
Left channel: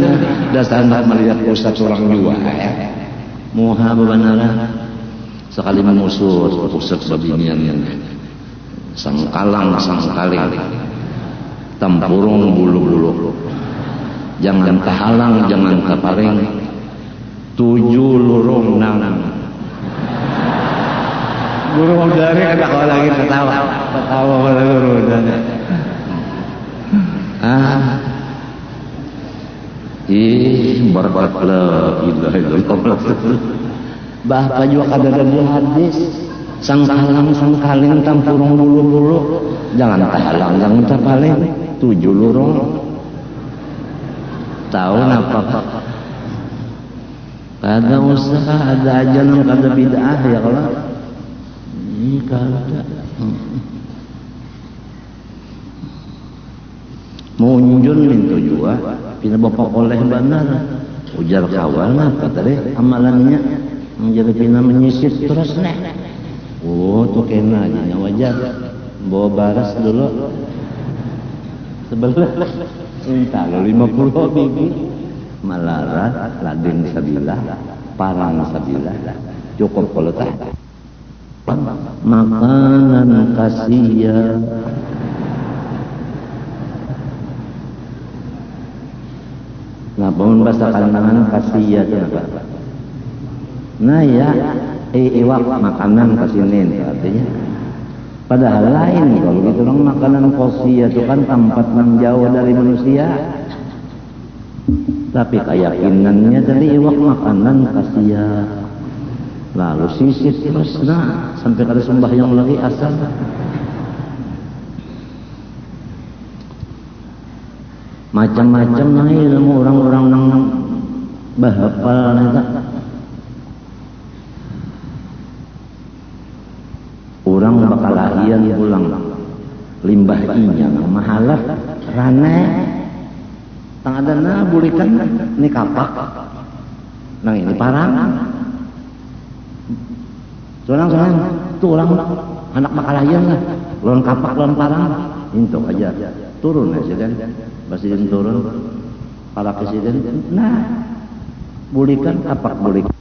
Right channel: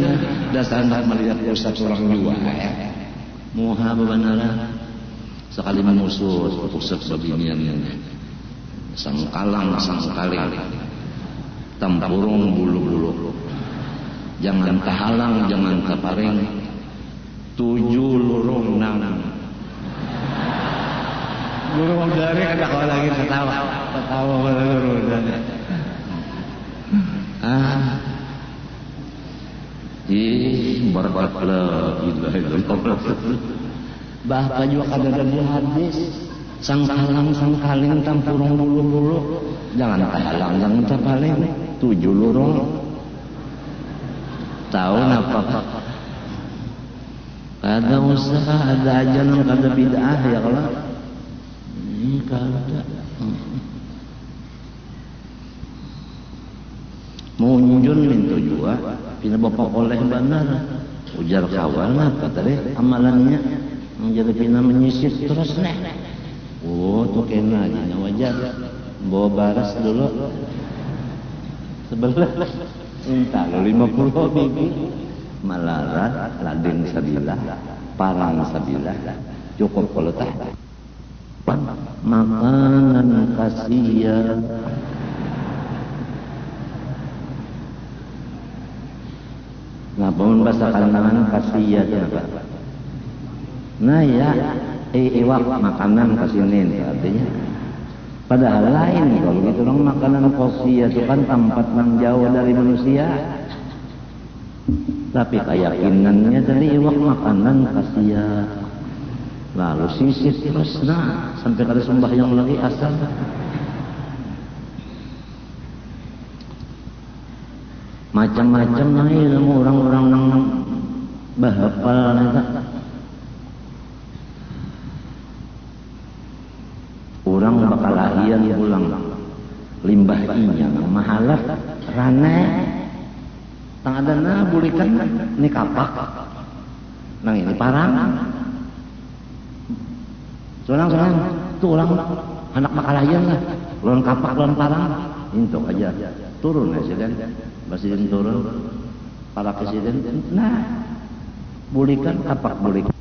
dasar melihat pusat orang jiwa muha bebanara sekali mengusut pusat babinian yang sangkalang tempurung bulu-bulu. Jangan tahalang, jangan taparing. 7 lurung nang. Guru dari kata lagi ketawa pada guru dari. Baraklah illallah. Bahkan juga kada ada hadis. Sang kaling tampurung bulu-bulu. Jangan tahalang, jangan taparing. 7 lurung. Tahu apa? Kada usah ada aja yang kada bid'ah ya kalau. Ini kada. Munjun minta juga, tidak bapak oleh benar. Ujar kawan kata deh amalannya menjadi tina menyisip terus nek. Oh tuh kena aja wajar. Bawa baras dulu. Sebelah. Minta 50.000 malarat ladin sabilah parang sabilah cukup kalau tak makanan kasihan nah pun bahasa kalangan kasihan itu apa nah ya iwak makanan kasihin artinya padahal lain kalau kita bilang makanan kasihan itu kan tempat yang jauh dari manusia. Tapi keyakinannya dari iwak makanan kasihan. Lalu sisip terus nah sampai ada sembahyang lagi asal. Macam-macam nah ilmu orang-orang yang bahapal neta. Orang bakal lahian pulang limbah inya mahalat rane. Tang ada na bulikan ini kapak. Nah ini parang. Tulang anak makalayan lah. Lawan kapak lawan parang. Untuk aja turun aja kan. Presiden turun. Para presiden. Nah bulikan kapak bulikan.